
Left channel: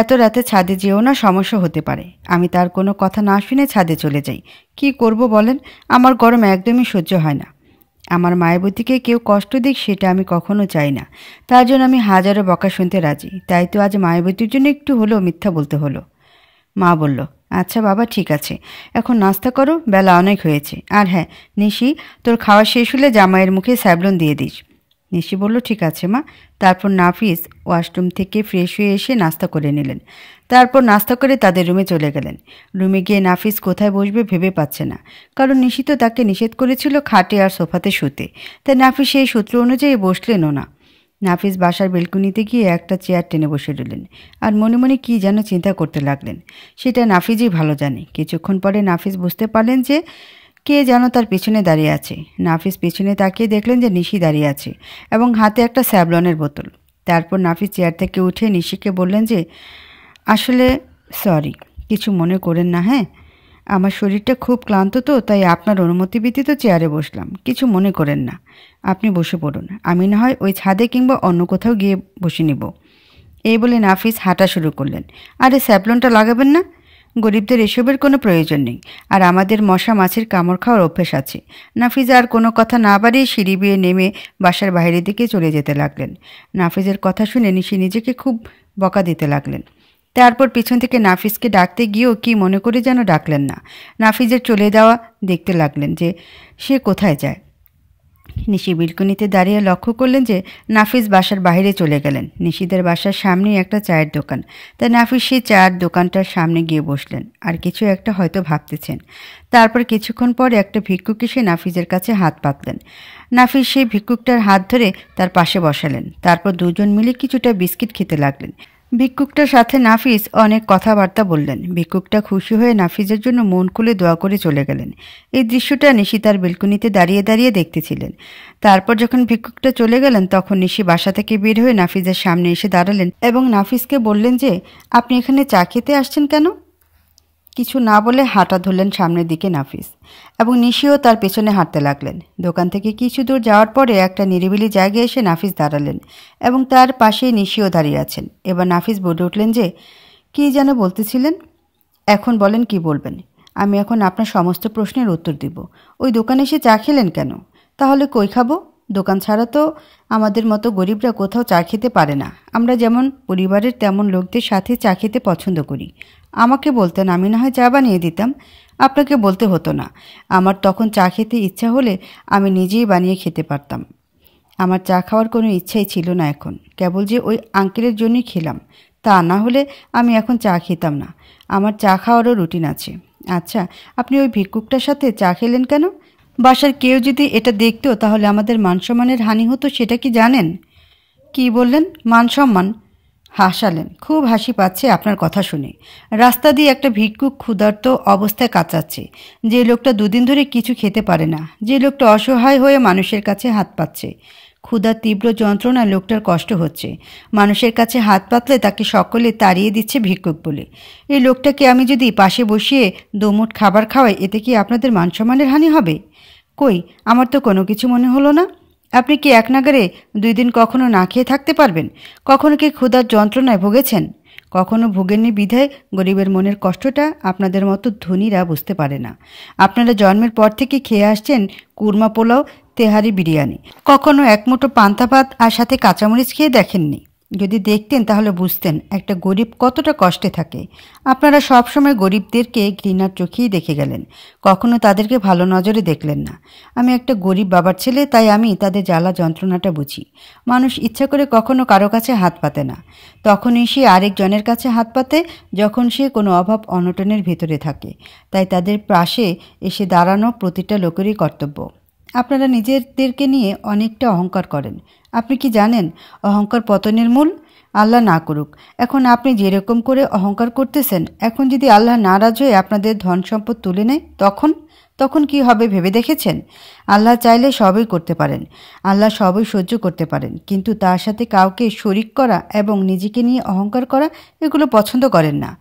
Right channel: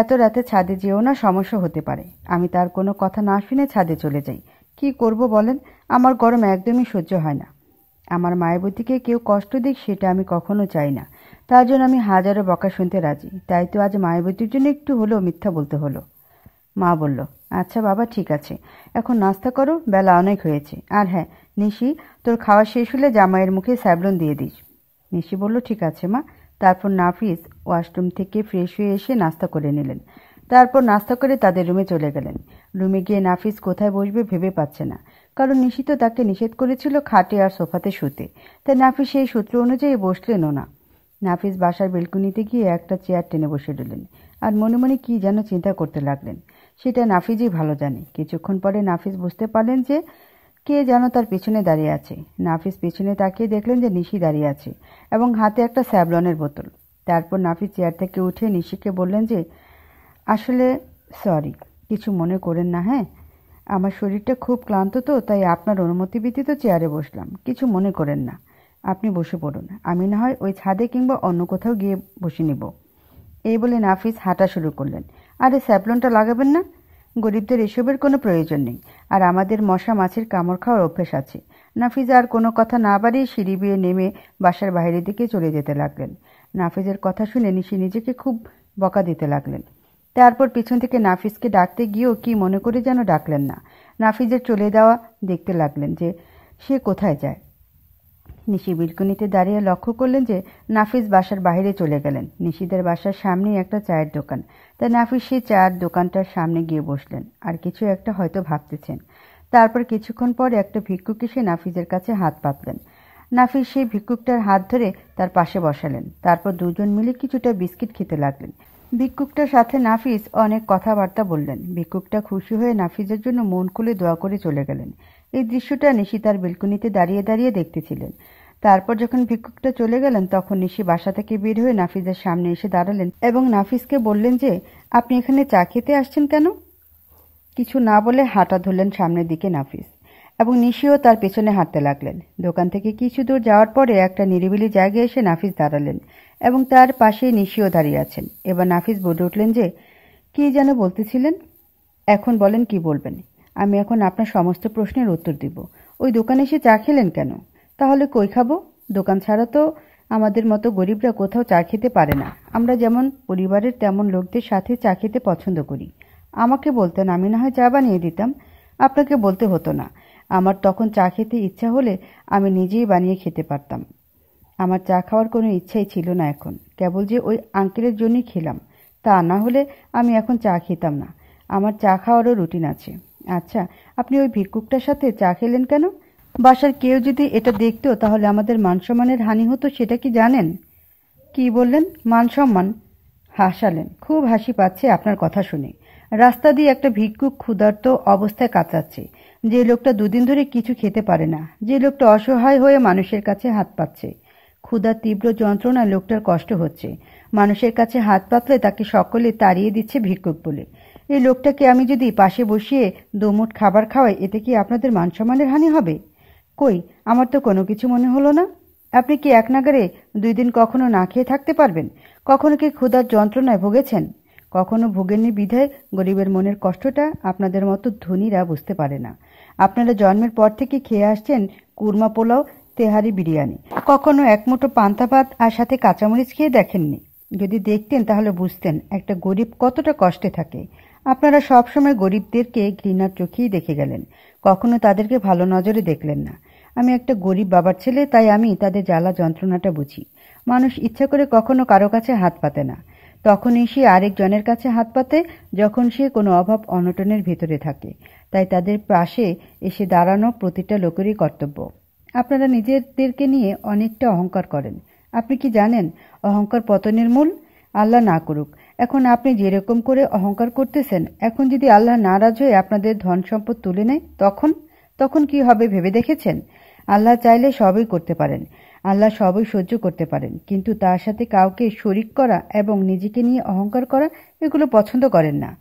এত রাতে ছাদে যেও না, সমস্যা হতে পারে। আমি তার কোনো কথা না শুনে ছাদে চলে যাই। কি করব বলেন, আমার গরম একদমই সহ্য হয় না। আমার মায়াবতীকে কেউ কষ্ট দিক সেটা আমি কখনো চাই না, তার জন্য আমি হাজারো বকা শুনতে রাজি। তাই তো আজ মায়াবতীর জন্য একটু হলেও মিথ্যা বলতে হলো। মা বলল, আচ্ছা বাবা, ঠিক আছে, এখন নাস্তা করো, বেলা অনেক হয়েছে। আর হ্যাঁ নিশি, তোর খাওয়া শেষ হলে জামাইয়ের মুখে স্যাভলন দিয়ে দিস। নিশি বলল, ঠিক আছে মা। তারপর নাফিস ওয়াশরুম থেকে ফ্রেশ হয়ে এসে নাস্তা করে নিলেন। তারপর নাস্তা করে তাদের রুমে চলে গেলেন। রুমে গিয়ে নাফিস কোথায় বসবে ভেবে পাচ্ছে না, কারণ নিশি তো তাকে নিষেধ করেছিল খাটে আর সোফাতে শুতে, তাই নাফিস সেই সূত্র অনুযায়ী বসলেনও না। নাফিস বাসার বেলকুনিতে গিয়ে একটা চেয়ার টেনে বসে রইলেন আর মনে মনে কী যেন চিন্তা করতে লাগলেন। সেটা নাফিসই ভালো জানে। কিছুক্ষণ পরে নাফিস বুঝতে পারলেন যে কে যেন তার পিছনে দাঁড়িয়ে আছে। নাফিস পিছনে তাকিয়ে দেখলেন যে নিশি দাঁড়িয়ে আছে এবং হাতে একটা স্যাভলনের বোতল। তারপর নাফিস চেয়ার থেকে উঠে নিশিকে বললেন যে, আসলে সরি, কিছু মনে করেন না। হ্যাঁ, আমার শরীরটা খুব ক্লান্ত তো, তাই আপনার অনুমতি ব্যতীত চেয়ারে বসলাম। কিছু মনে করেন না, আপনি বসে পড়ুন, আমি না হয় ওই ছাদে কিংবা অন্য কোথাও গিয়ে বসে নিব। এই বলে নাফিস হাঁটা শুরু করলেন। আরে স্যাভলনটা লাগাবেন না? গরিবদের এসবের কোনো প্রয়োজন নেই, আর আমাদের মশা মাছির কামড় খাওয়ার অভ্যেস আছে। নাফিজ আর কোনো কথা না বাড়িয়ে সিঁড়ি বেয়ে নেমে বাসার বাইরের দিকে চলে যেতে লাগলেন। নাফিজের কথা শুনে নিশি নিজেকে খুব বকা দিতে লাগলেন। তারপর পিছন থেকে নাফিসকে ডাকতে গিয়েও কি মনে করে যেন ডাকলেন না। নাফিজের চলে যাওয়া দেখতে লাগলেন যে সে কোথায় যায়। নিশি বিলকুনিতে দাঁড়িয়ে লক্ষ্য করলেন যে নাফিস বাসার বাইরে চলে গেলেন। নিশিদের বাসার সামনেই একটা চায়ের দোকান, তাই নাফিস সেই চায়ের দোকানটার সামনে গিয়ে বসলেন আর কিছু একটা হয়তো ভাবতেছেন। তারপর কিছুক্ষণ পরে একটা ভিক্ষুক এসে নাফিসের কাছে হাত পাতলেন। নাফিস সেই ভিক্ষুকটার হাত ধরে তার পাশে বসালেন। তারপর দুজন মিলে কিছুটা বিস্কিট খেতে লাগলেন। ভিক্ষুকটার সাথে নাফিস অনেক কথাবার্তা বললেন। ভিক্ষুকটা খুশি হয়ে নাফিসের জন্য মন খুলে দোয়া করে চলে গেলেন। এই দৃশ্যটা নিশি তার বেলকুনিতে দাঁড়িয়ে দাঁড়িয়ে দেখতেছিলেন। তারপর যখন ভিক্ষুকটা চলে গেলেন তখন নিশি বাসা থেকে বের হয়ে নাফিসের সামনে এসে দাঁড়ালেন এবং নাফিসকে বললেন যে, আপনি এখানে চা খেতে আসছেন কেন? কিছু না বলে হাঁটা ধরলেন সামনের দিকে নাফিস, এবং নিশিও তার পেছনে হাঁটতে লাগলেন। দোকান থেকে কিছু দূর যাওয়ার পরে একটা নিরিবিলি জায়গায় এসে নাফিস দাঁড়ালেন এবং তার পাশেই নিশিও দাঁড়িয়ে আছেন। এবার নাফিস বলে উঠলেন যে, কী যেন বলতেছিলেন? এখন বলেন কি বলবেন। আমি এখন আপনার সমস্ত প্রশ্নের উত্তর দিব। ওই দোকানে এসে চা খেলেন কেন? তাহলে কই খাবো? দোকান ছাড়া তো আমাদের মতো গরিবরা কোথাও চা খেতে পারে না। আমরা যেমন পরিবারের তেমন লোকদের সাথে চা খেতে পছন্দ করি। আমাকে বলতেন, আমি না হয় চা বানিয়ে দিতাম। আপনাকে বলতে হতো না। আমার তখন চা খেতে ইচ্ছা হলে আমি নিজেই বানিয়ে খেতে পারতাম। আমার চা খাওয়ার কোনো ইচ্ছাই ছিল না এখন, কেবল যে ওই আঙ্কেলের জন্যই খেলাম। তা না হলে আমি এখন চা খেতাম না। আমার চা খাওয়ারও রুটিন আছে। আচ্ছা, আপনি ওই ভিক্ষুকটার সাথে চা খেলেন কেন? বাসার কেউ যদি এটা দেখতো তাহলে আমাদের মানসম্মানের হানি হতো, সেটা কি জানেন? কি বললেন? মানসম্মান? হাসালেন। খুব হাসি পাচ্ছে আপনার কথা শুনে। রাস্তা দিয়ে একটা ভিক্ষুক ক্ষুধার্ত অবস্থায় কাঁচাচ্ছে, যে লোকটা দুদিন ধরে কিছু খেতে পারে না, যে লোকটা অসহায় হয়ে মানুষের কাছে হাত পাচ্ছে। ক্ষুধার তীব্র যন্ত্রণায় লোকটার কষ্ট হচ্ছে। মানুষের কাছে হাত পাতলে তাকে সকলে তাড়িয়ে দিচ্ছে ভিক্ষুক বলে। এই লোকটাকে আমি যদি পাশে বসিয়ে দুমুঠ খাবার খাওয়াই, এতে কি আপনাদের মানসম্মানের হানি হবে? কই, আমার তো কোনো কিছু মনে হলো না। আপনি কি এক নাগারে 2 দিন কখনো না খেয়ে থাকতে পারবেন? কখনো কি ক্ষুধার যন্ত্রণায় ভুগেছেন? কখনো ভোগেননি বিধায় গরিবের মনের কষ্টটা আপনাদের মতো ধনীরা বুঝতে পারে না। আপনারা জন্মের পর থেকে খেয়ে আসছেন কুরমা পোলাও, তেহারি, বিরিয়ানি। কখনো এক মুঠো পান্তা ভাত আর সাথে কাঁচামরিচ খেয়ে দেখেননি? যদি দেখতেন তাহলে বুঝতেন একটা গরিব কতটা কষ্টে থাকে। আপনারা সবসময় গরিবদেরকে ঘৃণার চোখেই দেখে গেলেন, কখনো তাদেরকে ভালো নজরে দেখলেন না। আমি একটা গরিব বাবার ছেলে, তাই আমি তাদের জ্বালা যন্ত্রণাটা বুঝি। মানুষ ইচ্ছা করে কখনো কারো কাছে হাত পাতে না, তখনই সে আরেকজনের কাছে হাত পাতে যখন সে কোনো অভাব অনটনের ভেতরে থাকে। তাই তাদের পাশে এসে দাঁড়ানো প্রতিটা লোকেরই কর্তব্য। আপনারা নিজেদেরকে নিয়ে অনেকটা অহংকার করেন। আপনি কি জানেন অহংকার পতনের মূল? আল্লাহ না করুক, এখন আপনি যেরকম করে অহংকার করতেছেন, এখন যদি আল্লাহ নারাজ হয়ে আপনাদের ধন সম্পদ তুলে নেয়, তখন তখন কি হবে ভেবে দেখেছেন? আল্লাহ চাইলে সবই করতে পারেন, আল্লাহ সবই সহ্য করতে পারেন, কিন্তু তার সাথে কাউকে শরিক করা এবং নিজেকে নিয়ে অহংকার করা এগুলো পছন্দ করেন না।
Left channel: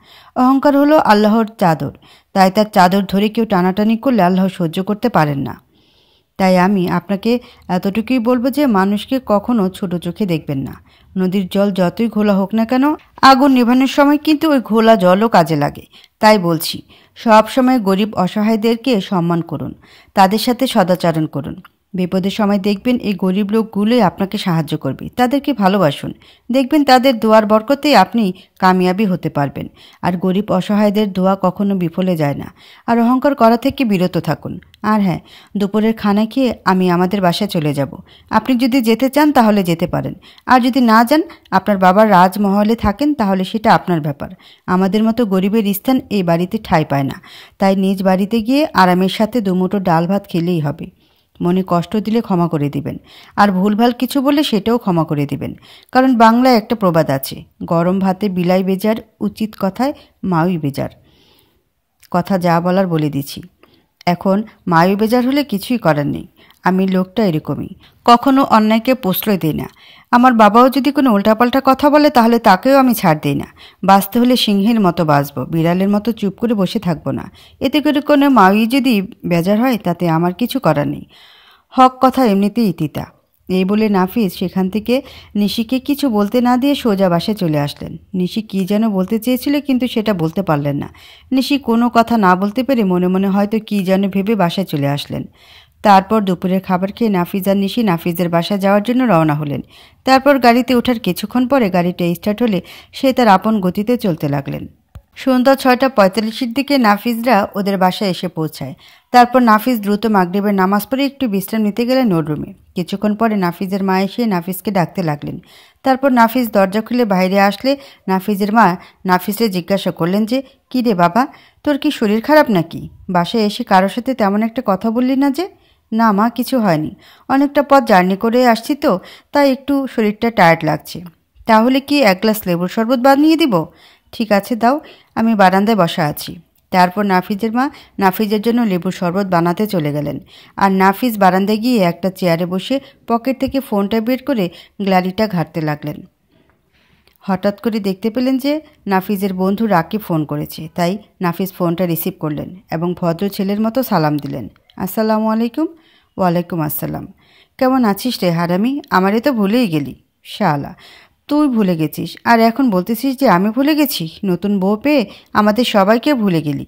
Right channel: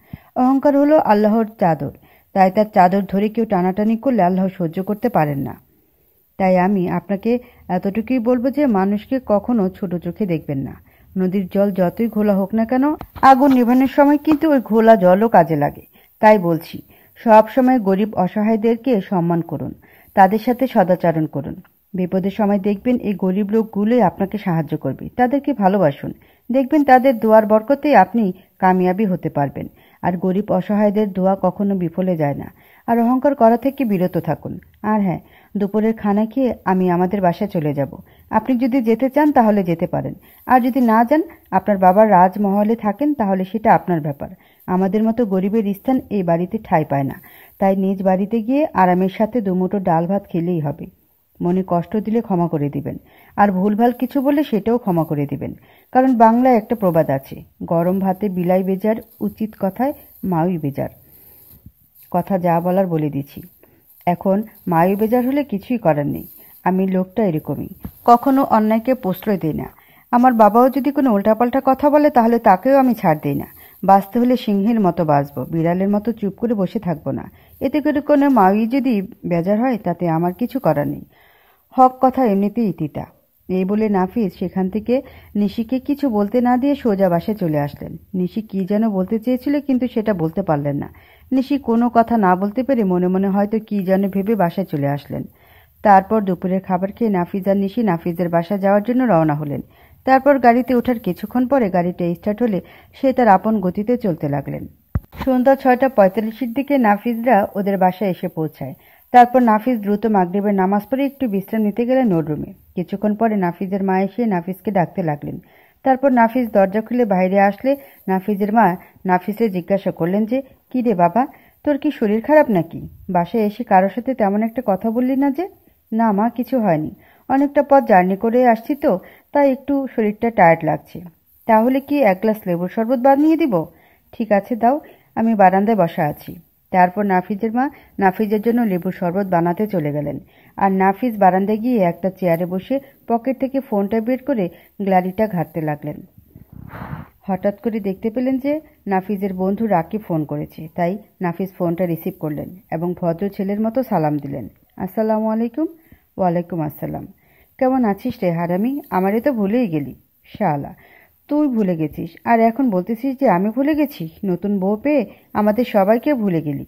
অহংকার হলো আল্লাহর চাদর, তাই তার চাদর ধরে কেউ টানাটানি করলে আল্লাহ সহ্য করতে পারেন না। তাই আমি আপনাকে এতটুকুই বলবো যে মানুষকে কখনো ছোট চোখে দেখবেন না। নদীর জল যতই ঘোলা হোক না কেন, আগুন নেভানোর সময় কিন্তু ওই ঘোলা জলও কাজে লাগে। তাই বলছি, সব সময় গরিব অসহায়দেরকে সম্মান করুন, তাদের সাথে সদাচরণ করুন। বিপদের সময় দেখবেন এই গরিব লোকগুলোই আপনাকে সাহায্য করবে। তাদেরকে ভালোবাসুন, দেখবেন তাদের দোয়ার বরকতেই আপনি কামিয়াবি হতে পারবেন। আর গরিব অসহায়দের দোয়া কখনো বিফলে যায় না। আর অহংকার করা থেকে বিরত থাকুন। আর হ্যাঁ, দুপুরের খানা খেয়ে আমি আমাদের বাসায় চলে যাব। আপনি যদি যেতে চান তাহলে যেতে পারেন, আর যদি না যান, আপনার বাবার রাজমহলে থাকেন, তাহলে সেটা আপনার ব্যাপার। আমাদের মতো গরিবের স্থান এই বাড়িতে ঠাঁই পায় না। তাই নিজ বাড়িতে গিয়ে আরামের সাথে দুমুঠো ডাল ভাত খেলেই হবে। মনে কষ্ট দিলে ক্ষমা করে দিবেন, আর ভুলভাল কিছু বলে সেটাও ক্ষমা করে দিবেন। কারণ বাংলায় একটা প্রবাদ আছে, গরম ভাতে বিলাই বেজার, উচিত কথায় মাউই বেজার। কথা যা বলার বলে দিছি। এখন মায়ু বেজার হলে কিছুই করার নেই। আমি লোকটা এরকমই, কখনো অন্যায়কে প্রশ্রয় দিই না। আমার বাবাও যদি কোনো উল্টাপাল্টা কথা বলে তাহলে তাকেও আমি ছাড় দিই না। বাঁচতে হলে সিংহের মতো বাঁচবো, বিড়ালের মতো চুপ করে বসে থাকবো না। এতে করে কোনো মাউই যদি বেজার হয় তাতে আমার কিছু করার নেই। হক কথা এমনিতেই তিতা। এই বলে নাফিস সেখান থেকে নিশিকে কিছু বলতে না দিয়ে সোজা বাসায় চলে আসলেন। নিশি কী যেন বলতে চেয়েছিল, কিন্তু সেটা বলতে পারলেন না। নিশি কোনো কথা না বলতে পেরে মনে মনে হয়তো কী যেন ভেবে বাসায় চলে আসলেন। তারপর দুপুরের খাবার খেয়ে নাফিজ আর নিশি নাফিজের বাসায় যাওয়ার জন্য রওনা হলেন। তারপর গাড়িতে ওঠার কিছুক্ষণ পরে গাড়িটা স্টার্ট হলে সে তার আপন গতিতে চলতে লাগলেন। সন্ধ্যা 6:45-এর দিকে নাফিজরা ওদের বাসায় এসে পৌঁছায়। তারপর নাফিজ দ্রুত মাগরিবের নামাজ পড়ে একটু বিশ্রাম নিতে গেলেন ওর রুমে। কিছুক্ষণ পরে নাফিজের মা এসে নাফিজকে ডাকতে লাগলেন। তারপর নাফিজ দরজা খুলে বাইরে আসলে নাফিজের মা নাফিজকে জিজ্ঞাসা করলেন যে, কী রে বাবা, তোর কি শরীর খারাপ নাকি? বাসায় এসে কারোর সাথে তেমন একটা কথা বললি না যে? না মা, কিছু হয়নি, অনেকটা পথ জার্নি করে আসছি তো, তাই একটু শরীরটা টায়ার্ড লাগছে। তাহলে কি 1 গ্লাস লেবুর শরবত বানিয়ে দিব? ঠিক আছে দাও, আমি বারান্দায় বসা আছি। তারপর নাফিজের মা নাফিজের জন্য লেবুর শরবত বানাতে চলে গেলেন। আর নাফিজ বারান্দায় গিয়ে একটা চেয়ারে বসে পকেট থেকে ফোনটা বের করে গ্যালারিটা ঘাঁটতে লাগলেন। হঠাৎ করে দেখতে পেলেন যে নাফিজের বন্ধু রাকিব ফোন করেছে। তাই নাফিজ ফোনটা রিসিভ করলেন এবং ভদ্র ছেলের মতো সালাম দিলেন। আসসালামু আলাইকুম। ওয়ালাইকুম আসসালাম। কেমন আছিস রে হারামি? আমারে তো ভুলেই গেলি। শালা, তুই ভুলে গেছিস আর এখন বলতেছিস যে আমি ভুলে গেছি? নতুন বউ পেয়ে আমাদের সবাইকে ভুলে গেলি।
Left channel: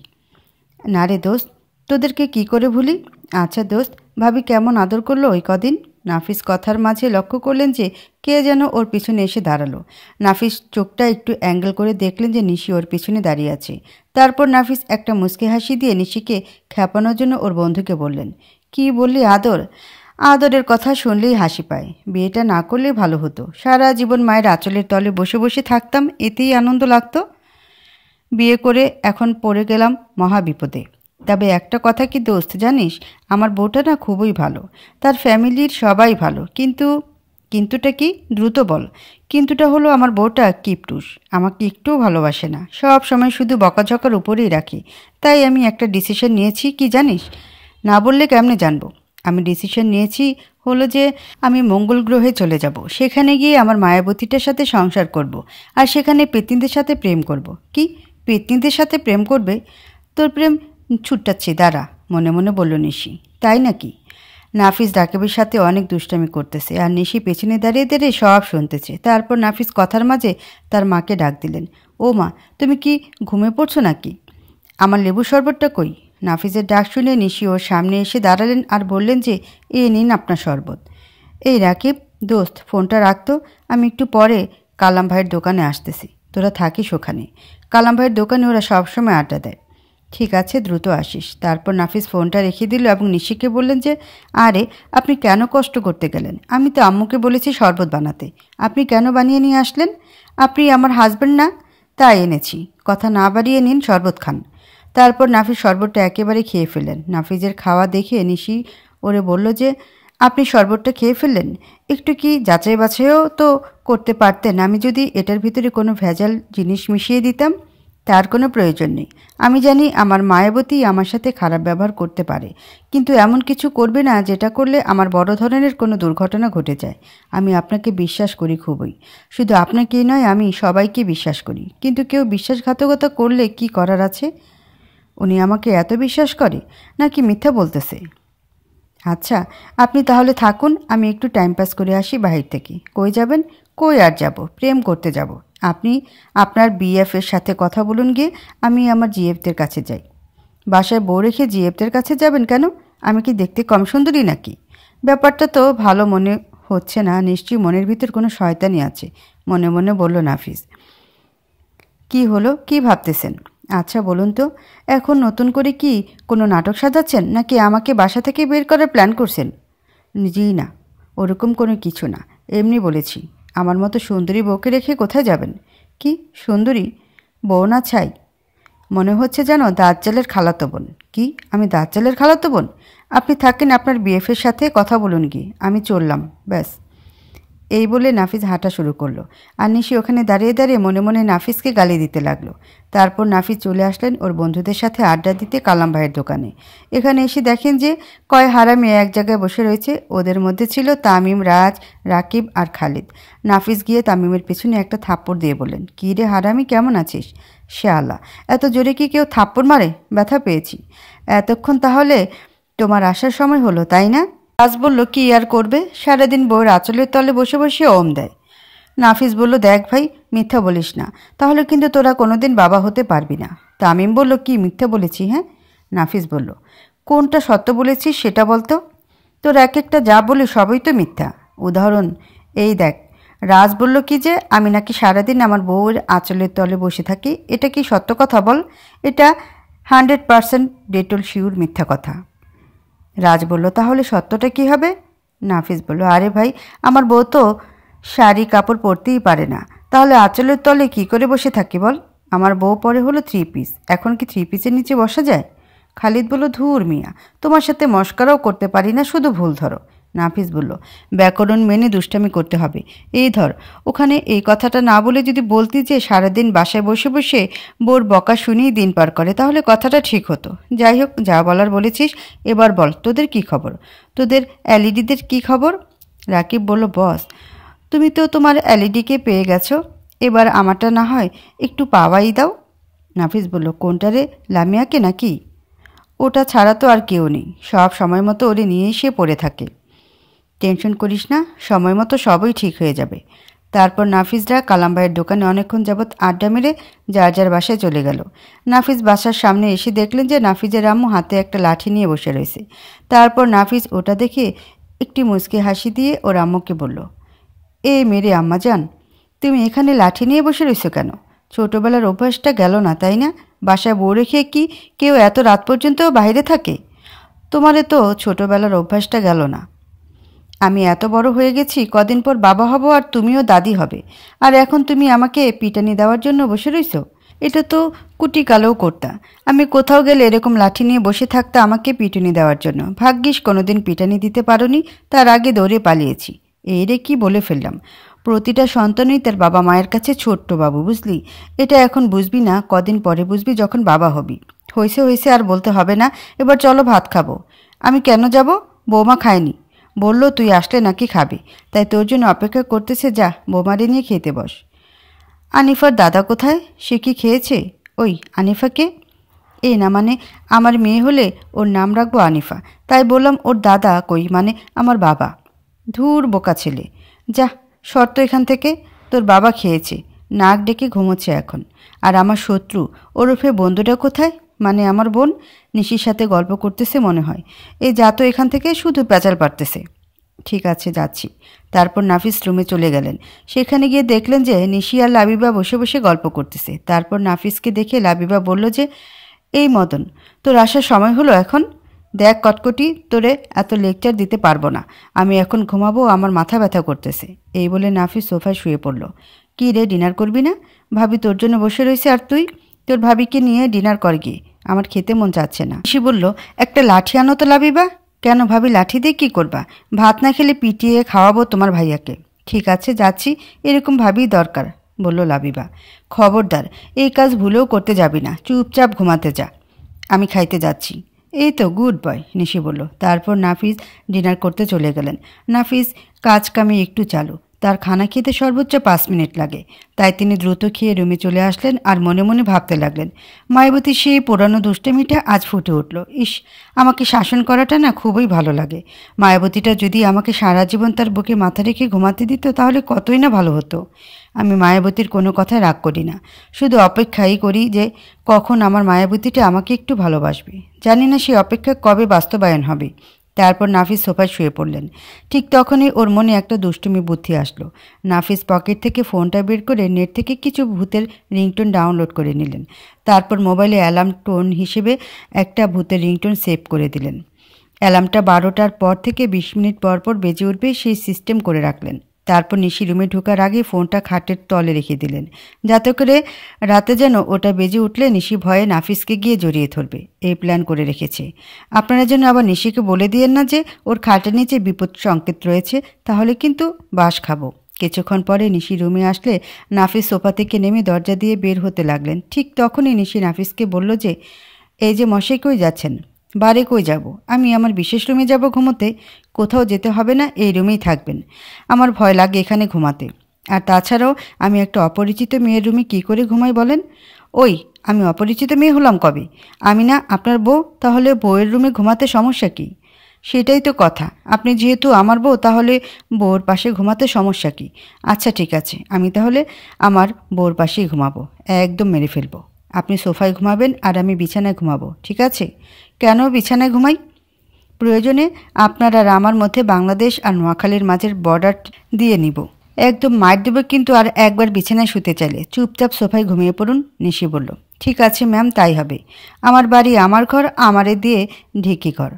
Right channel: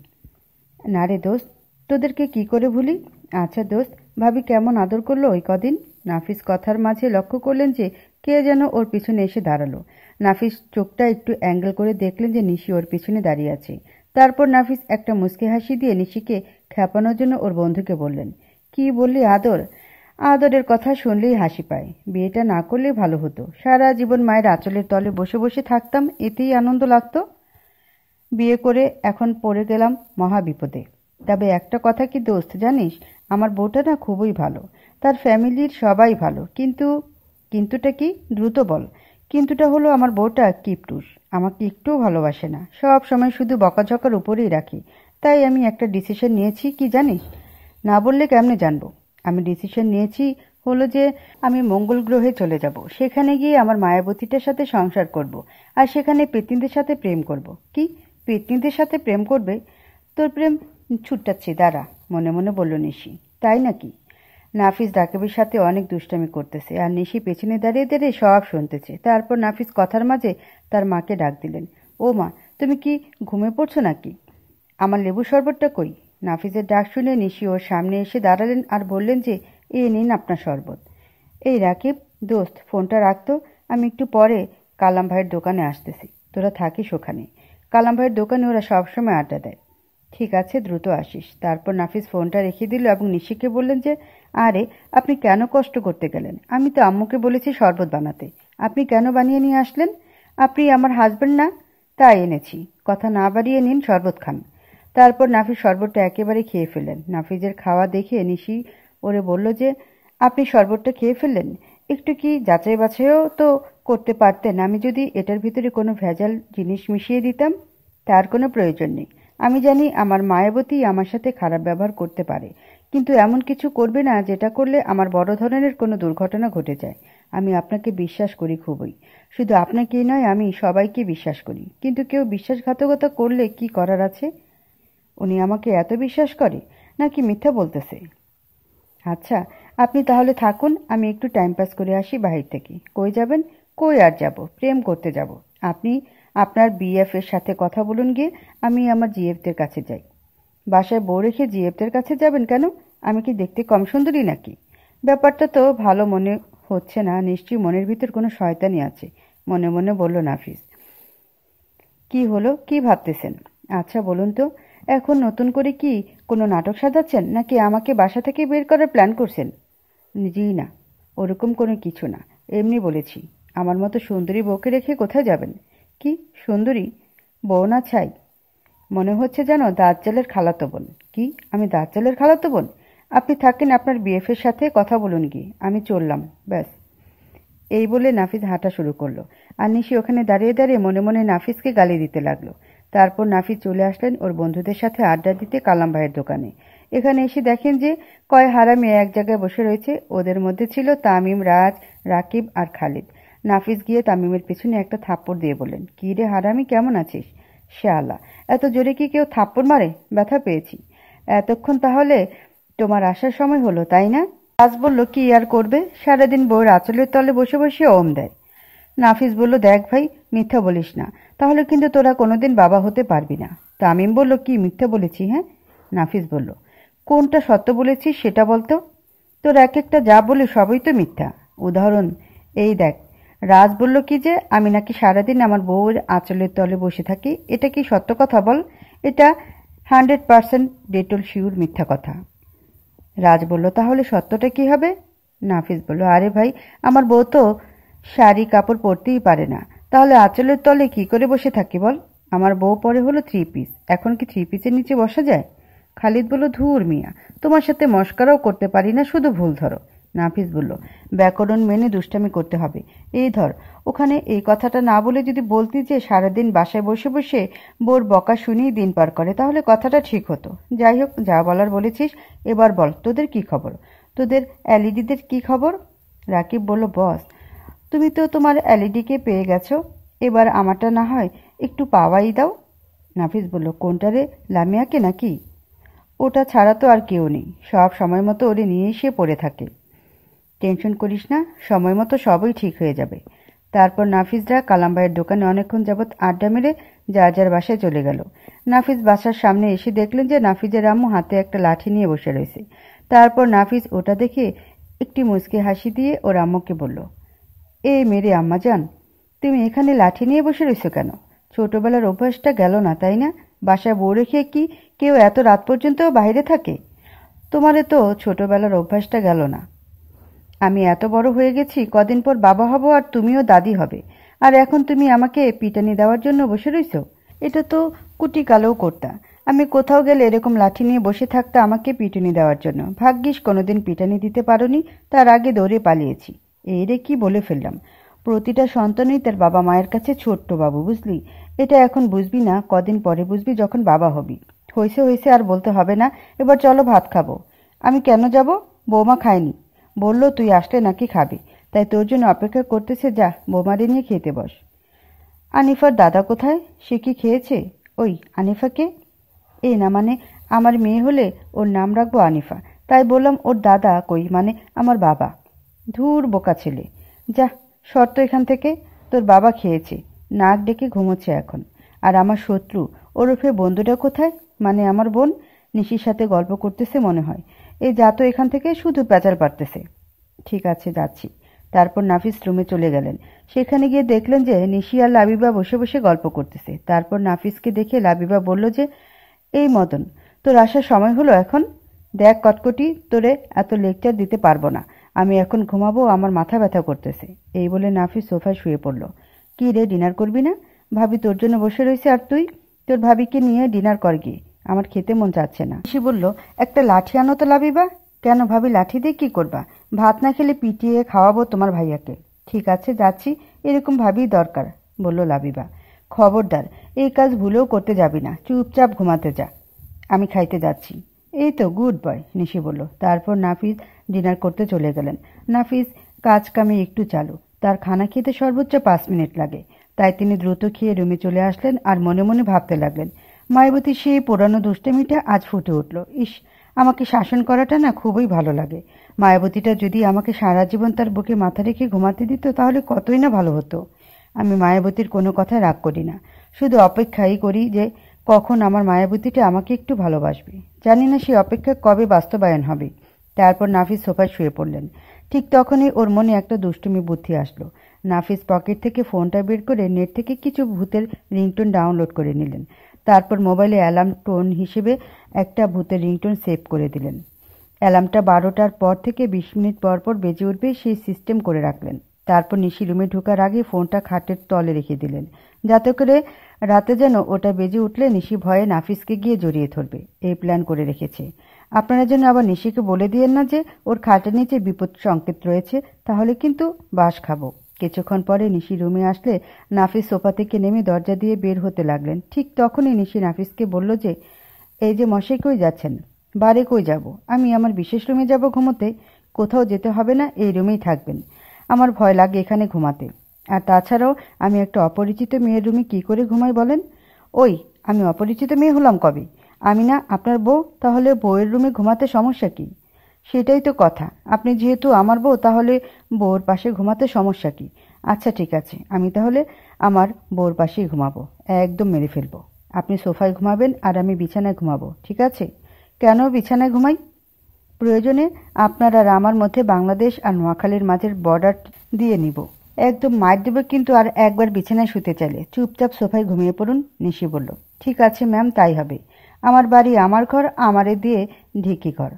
না রে দোস্ত, তোদেরকে কি করে ভুলি? আচ্ছা দোস্ত, ভাবি কেমন আদর করলো ওই কদিন? নাফিস কথার মাঝে লক্ষ্য করলেন যে কে যেন ওর পিছনে এসে দাঁড়ালো। নাফিস চোখটা একটু অ্যাঙ্গেল করে দেখলেন যে নিশি ওর পিছনে দাঁড়িয়ে আছে। তারপর নাফিস একটা মুচকি হাসি দিয়ে নিশিকে খ্যাপানোর জন্য ওর বন্ধুকে বললেন, কি বললি আদর? আদরের কথা শুনলেই হাসি পায়। বিয়েটা না করলেই ভালো হতো, সারা জীবন মায়ের আঁচলের তলে বসে বসে থাকতাম, এতেই আনন্দ লাগতো। বিয়ে করে এখন পড়ে গেলাম মহা বিপদে। তবে একটা কথা কি দোস্ত জানিস, আমার বউটা না খুবই ভালো, তার ফ্যামিলির সবাই ভালো। কিন্তুটা কি? দ্রুত বল। কিন্তুটা হলো আমার বউটা কিপটুস, আমাকে একটুও ভালোবাসে না, সব সময় শুধু বকাঝকার উপরেই রাখি। তাই আমি একটা ডিসিশন নিয়েছি, কি জানিস? না বললে কেমনে জানবো? আমি ডিসিশন নিয়েছি হলো যে আমি মঙ্গল গ্রহে চলে যাব। সেখানে গিয়ে আমার মায়াবতীটার সাথে সংসার করব, আর সেখানে পেতনিদের সাথে প্রেম করব। কি, পেতনিদের সাথে প্রেম করবে? তোর প্রেম ছুটাচ্ছি, দাঁড়া, মনে মনে বলল নিশি। তাই নাকি? নাফিস রাকিবের সাথে অনেক দুষ্টামি করতেছে আর নিশি পেছনে দাঁড়িয়ে দাঁড়িয়ে সব শুনতেছে। তারপর নাফিস কথার মাঝে তার মাকে ডাক দিলেন। ও মা, তুমি কি ঘুমিয়ে পড়ছো নাকি? আমার লেবু শরবতটা কই? নাফিসের ডাক শুনে নিশি ওর সামনে এসে দাঁড়ালেন আর বললেন যে, এ নিন আপনার শরবত। এই রাকিব দোস্ত, ফোনটা রাখতো, আমি একটু পরে কালাম ভাইয়ের দোকানে আসতেছি, তোরা থাকিস ওখানে। কালাম ভাইয়ের দোকানে ওরা সবসময় আড্ডা দেয়। ঠিক আছে, দ্রুত আসিস। তারপর নাফিস ফোনটা রেখে দিল এবং নিশিকে বললেন যে, আরে আপনি কেন কষ্ট করতে গেলেন? আমি তো আম্মুকে বলেছি শরবত বানাতে, আপনি কেন বানিয়ে নিয়ে আসলেন? আপনি আমার হাজব্যান্ড না, তাই এনেছি। কথা না বাড়িয়ে নিন, শরবত খান। তারপর নাফিস শরবতটা একেবারে খেয়ে ফেললেন। নাফিজের খাওয়া দেখে নিশি ওরে বলল যে, আপনি শরবতটা খেয়ে ফেললেন, একটু কি যাচাই বাছাইও তো করতে পারতেন। আমি যদি এটার ভিতরে কোনো ভেজাল জিনিস মিশিয়ে দিতাম। তার কোনো প্রয়োজন নেই। আমি জানি আমার মায়াবতী আমার সাথে খারাপ ব্যবহার করতে পারে, কিন্তু এমন কিছু করবে না যেটা করলে আমার বড় ধরনের কোনো দুর্ঘটনা ঘটে যায়। আমি আপনাকে বিশ্বাস করি খুবই, শুধু আপনাকেই নয়, আমি সবাইকে বিশ্বাস করি। কিন্তু কেউ বিশ্বাসঘাতকতা করলে কি করার আছে? উনি আমাকে এত বিশ্বাস করে নাকি মিথ্যা বলতেছে? আচ্ছা, আপনি তাহলে থাকুন, আমি একটু টাইম পাস করে আসি বাহির থেকে। কই যাবেন? কই আর যাব, প্রেম করতে যাব। আপনি আপনার বিএফের সাথে কথা বলুন গিয়ে, আমি আমার জিএফদের কাছে যাই। বাসায় বউ রেখে জিএফদের কাছে যাবেন কেন? আমি কি দেখতে কম সুন্দরী নাকি? ব্যাপারটা তো ভালো মনে হচ্ছে না, নিশ্চয়ই মনের ভিতর কোনো শয়তানি আছে, মনে মনে বলল নাফিস। কি হলো, কি ভাবতেছেন? আচ্ছা বলুন তো, এখন নতুন করে কি কোনো নাটক সাজাচ্ছেন নাকি আমাকে বাসা থেকে বের করার প্ল্যান করছেন? জি না, ওরকম কোনো কিছু না, এমনি বলেছি। আমার মতো সুন্দরী বউকে রেখে কোথায় যাবেন? কি সুন্দরী বউ না ছাই? মনে হচ্ছে যেন দাজ্জালের খালাতো বোন। কি, আমি দাজ্জালের খালাতো বোন? আপনি থাকেন আপনার বিএফের সাথে কথা বলুন গিয়ে, আমি চললাম, ব্যাস। এই বলে নাফিস হাঁটা শুরু করলো আর নিশি ওখানে দাঁড়িয়ে দাঁড়িয়ে মনে মনে নাফিসকে গালি দিতে লাগলো। তারপর নাফিস চলে আসলেন ওর বন্ধুদের সাথে আড্ডা দিতে কালাম ভাইয়ের দোকানে। এখানে এসে দেখেন যে কয় হারামি এক জায়গায় বসে রয়েছে। ওদের মধ্যে ছিল তামিম, রাজ, রাকিব আর খালিদ। নাফিস গিয়ে তামিমের পেছনে একটা থাপ্পড় দিয়ে বললেন, কী রে হারামি, কেমন আছিস? শালা, এত জোরে কি কেউ থাপ্পড় মারে? ব্যথা পেয়েছি। এতক্ষণ তাহলে তোমার আসার সময় হলো, তাই না? রাজ বলল, কি আর করবে, সারাদিন বউয়ের আঁচলের তলে বসে বসে ওম দেয়। নাফিস বলল, দেখ ভাই, মিথ্যা বলিস না, তাহলে কিন্তু তোরা কোনোদিন বাবা হতে পারবি না। তামিম বলল, কি মিথ্যা বলেছি? হ্যাঁ। নাফিস বলল, কোনটা সত্য বলেছিস সেটা বলতো। তোর এক একটা যা বলে সবই তো মিথ্যা। উদাহরণ এই দেখ, রাজ বলল কি যে আমি নাকি সারাদিন আমার বউয়ের আঁচলের তলে বসে থাকি। এটা কি সত্য কথা বল? এটা 100% ডেটল শিওর মিথ্যা কথা। রাজ বলল, তাহলে সত্যটা কি হবে? নাফিস বলল, আরে ভাই, আমার বউ তো শাড়ি কাপড় পরতেই পারে না, তাহলে আঁচলের তলে কি করে বসে থাকি বল? আমার বউ পরে হলো 3 পিস, এখন কি 3 পিসের নিচে বসা যায়? খালিদ বলল, ধুর মিয়া, তোমার সাথে মস্করাও করতে পারি না, শুধু ভুল ধরো। নাফিস বলল, ব্যাকরণ মেনে দুষ্টামি করতে হবে। এই ধর, ওখানে এই কথাটা না বলে যদি বলতি যে সারাদিন বাসায় বসে বসে বোর বকা শুনিয়ে দিন পার করে, তাহলে কথাটা ঠিক হতো। যাই হোক, যা বলার বলেছিস, এবার বল তোদের কি খবর? তোদের এলইডিদের কি খবর? রাকিব বলল, বস, তুমি তো তোমার এলইডিকে পেয়ে গেছো, এবার আমারটা না হয় একটু পাওয়াই দাও। নাফিস বলল, কোনটা রে, লামিয়াকে নাকি? ওটা ছাড়া তো আর কেউ নেই, সব সময় মতো ওরে নিয়ে এসে পড়ে থাকে। টেনশন করিস না, সময় মতো সবই ঠিক হয়ে যাবে। তারপর নাফিসরা কালাম ভাইয়ের দোকানে অনেকক্ষণ যাবৎ আড্ডা মেরে যার যার বাসায় চলে গেল। নাফিস বাসার সামনে এসে দেখলেন যে নাফিজের আম্মু হাতে একটা লাঠি নিয়ে বসে রয়েছে। তারপর নাফিস ওটা দেখে একটি মুচকি হাসি দিয়ে ওর আম্মুকে বলল, এ মেরে আম্মা যান, তুমি এখানে লাঠি নিয়ে বসে রয়েছো কেন? ছোটোবেলার অভ্যাসটা গেল না, তাই না? বাসায় বউ রেখে কি কেউ এত রাত পর্যন্ত বাইরে থাকে? তোমারে তো ছোটোবেলার অভ্যাসটা গেল না। আমি এত বড় হয়ে গেছি, কদিন পর বাবা হব আর তুমিও দাদি হবে, আর এখন তুমি আমাকে পিটানি দেওয়ার জন্য বসে রইছো? এটা তো কুটিকালেও করতা। আমি কোথাও গেলে এরকম লাঠি নিয়ে বসে থাকতে আমাকে পিটুনি দেওয়ার জন্য। ভাগ্যিস কোনোদিন পিটানি দিতে পারোনি, তার আগে দৌড়ে পালিয়েছি। এই রে কি বলে ফেললাম। প্রতিটা সন্তানই তার বাবা মায়ের কাছে ছোট্ট বাবু, বুঝলি? এটা এখন বুঝবি না, কদিন পরে বুঝবি যখন বাবা হবি। হয়েছে হয়েছে, আর বলতে হবে না, এবার চলো ভাত খাবো। আমি কেন যাব? বৌমা খায়নি, বলল তুই আসলে নাকি খাবি, তাই তোর জন্য অপেক্ষা করতেছে, যা বৌমারে নিয়ে খেতে বস। আনিফার দাদা কোথায়? সে কি খেয়েছে? ওই আনিফাকে? এই না মানে আমার মেয়ে হলে ওর নাম রাখবো আনিফা, তাই বললাম ওর দাদা কই মানে আমার বাবা। ধুর বোকা ছেলে, যা শর্ত এখান থেকে। তোর বাবা খেয়েছে, নাক ডেকে ঘুমোচ্ছে এখন। আর আমার শত্রু ওরফে বন্ধুটা কোথায়, মানে আমার বোন? নিশির সাথে গল্প করতেছে মনে হয়। এই যা তো এখান থেকে, শুধু প্যাচাল পারতেছে। ঠিক আছে, যাচ্ছি। তারপর নাফিস রুমে চলে গেলেন। সেখানে গিয়ে দেখলেন যে নিশি আর লাবিবা বসে বসে গল্প করতেছে। তারপর নাফিসকে দেখে লাবিবা বলল যে, এই মদন, তোর আসার সময় হলো এখন? দেখ কটকটি, তোরে এত লেকচার দিতে পারবো না। আমি এখন ঘুমাবো, আমার মাথা ব্যথা করতেছে। এই বলে নাফিস সোফায় শুয়ে পড়ল। কি রে, ডিনার করবি না? ভাবি তোর জন্য বসে রয়েছে, আর তুই তোর ভাবিকে নিয়ে ডিনার কর গিয়ে। আমার খেতে মন চাচ্ছে না। নিশি বলল, একটা লাঠি আনো তো লাবিবা। কেন ভাবি, লাঠি দিয়ে কী করবা? ভাত না খেলে পিটিয়ে খাওয়াবো তোমার ভাইয়াকে। ঠিক আছে, যাচ্ছি। এরকম ভাবিই দরকার, বলল লাবিবা। খবরদার, এই কাজ ভুলেও করতে যাবি না, চুপচাপ ঘুমাতে যা। আমি খাইতে যাচ্ছি। এই তো গুড বয়, নিশি বলল। তারপর নাফিস ডিনার করতে চলে গেলেন। নাফিস কাজ কামে একটু চালু, তার খানা খেতে সর্বোচ্চ 5 মিনিট লাগে। তাই তিনি দ্রুত খেয়ে রুমে চলে আসলেন আর মনে মনে ভাবতে লাগলেন, মায়াবতী সেই পুরানো দুষ্টমিটা আজ ফুটে উঠল। ইস, আমাকে শাসন করাটা না খুবই ভালো লাগে। মায়াবতীটা যদি আমাকে সারা জীবন তার বুকে মাথা রেখে ঘুমাতে দিত তাহলে কতই না ভালো হতো। আমি মায়াবতীর কোনো কথায় রাগ করি না, শুধু অপেক্ষাই করি যে কখন আমার মায়াবতীটা আমাকে একটু ভালোবাসবে। জানি না সেই অপেক্ষা কবে বাস্তবায়ন হবে। তারপর নাফিস সোফায় শুয়ে পড়লেন। ঠিক তখনই ওর মনে একটা দুষ্টুমি বুদ্ধি আসলো। নাফিস পকেট থেকে ফোনটা বের করে নেট থেকে কিছু ভূতের রিংটোন ডাউনলোড করে নিলেন। তারপর মোবাইলে অ্যালার্ম টোন হিসেবে একটা ভূতের রিংটোন সেভ করে দিলেন। অ্যালার্মটা 12টার পর থেকে 20 মিনিট পর পর বেজে উঠবে সেই সিস্টেম করে রাখলেন। তারপর নিশি রুমে ঢোকার আগে ফোনটা খাটের তলে রেখে দিলেন, যাতে করে রাতে যেন ওটা বেজে উঠলে নিশি ভয়ে নাফিসকে গিয়ে জড়িয়ে ধরবে। এই প্ল্যান করে রেখেছে। আপনারা যেন আবার নিশিকে বলে দিয়েন না যে ওর খাটের নিচে বিপদ সংকেত রয়েছে, তাহলে কিন্তু বাস খাবো। কিছুক্ষণ পরে নিশি রুমে আসলে নাফিস সোফা থেকে নেমে দরজা দিয়ে বের হতে লাগলেন। ঠিক তখনই নিশি নাফিসকে বলল যে, এই যে মশাই, কই যাচ্ছেন? বারে কই যাব? আমি আমার বিশেষ রুমে যাব ঘুমোতে। কোথাও যেতে হবে না, এই রুমেই থাকবেন। আমার ভয় লাগে এখানে ঘুমাতে। আর তাছাড়াও আমি একটা অপরিচিত মেয়ের রুমে কী করে ঘুমাই বলেন? ওই, আমি অপরিচিত মেয়ে হলাম কবে? আমি না আপনার বউ, তাহলে বউয়ের রুমে ঘুমাতে সমস্যা কী? সেটাই তো কথা। আপনি যেহেতু আমার বউ, তাহলে বউর পাশে ঘুমাতে সমস্যা কী? আচ্ছা ঠিক আছে, আমি তাহলে আমার বউর পাশেই ঘুমাবো। একদম মেরে ফেলবো। আপনি সোফায় ঘুমাবেন আর আমি বিছানায় ঘুমাবো, ঠিক আছে? কেন বিছানায় ঘুমাই? প্রয়োজনে আপনার আর আমার মধ্যে বাংলাদেশ আর নোয়াখালীর মাঝের বর্ডার দিয়ে নিব। একদম মার দেব কিন্তু আর একবার বিছানায় শুতে চাইলে চুপচাপ সোফায় ঘুমিয়ে পড়ুন, নিশি বলল। ঠিক আছে ম্যাম, তাই হবে। আমার বাড়ি, আমার ঘর, আমারে দিয়ে ঢেকি ঘর।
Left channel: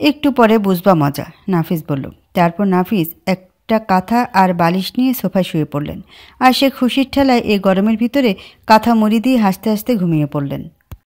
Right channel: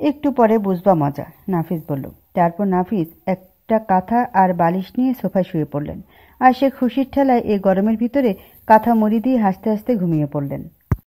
একটু পরে বুঝবা মজা, নাফিস বলল। তারপর নাফিস একটা কাঁথা আর বালিশ নিয়ে সোফায় শুয়ে পড়লেন। আর সে খুশির ঠেলায় এই গরমের ভিতরে কাঁথা মুড়ি দিয়ে হাসতে হাসতে ঘুমিয়ে পড়লেন।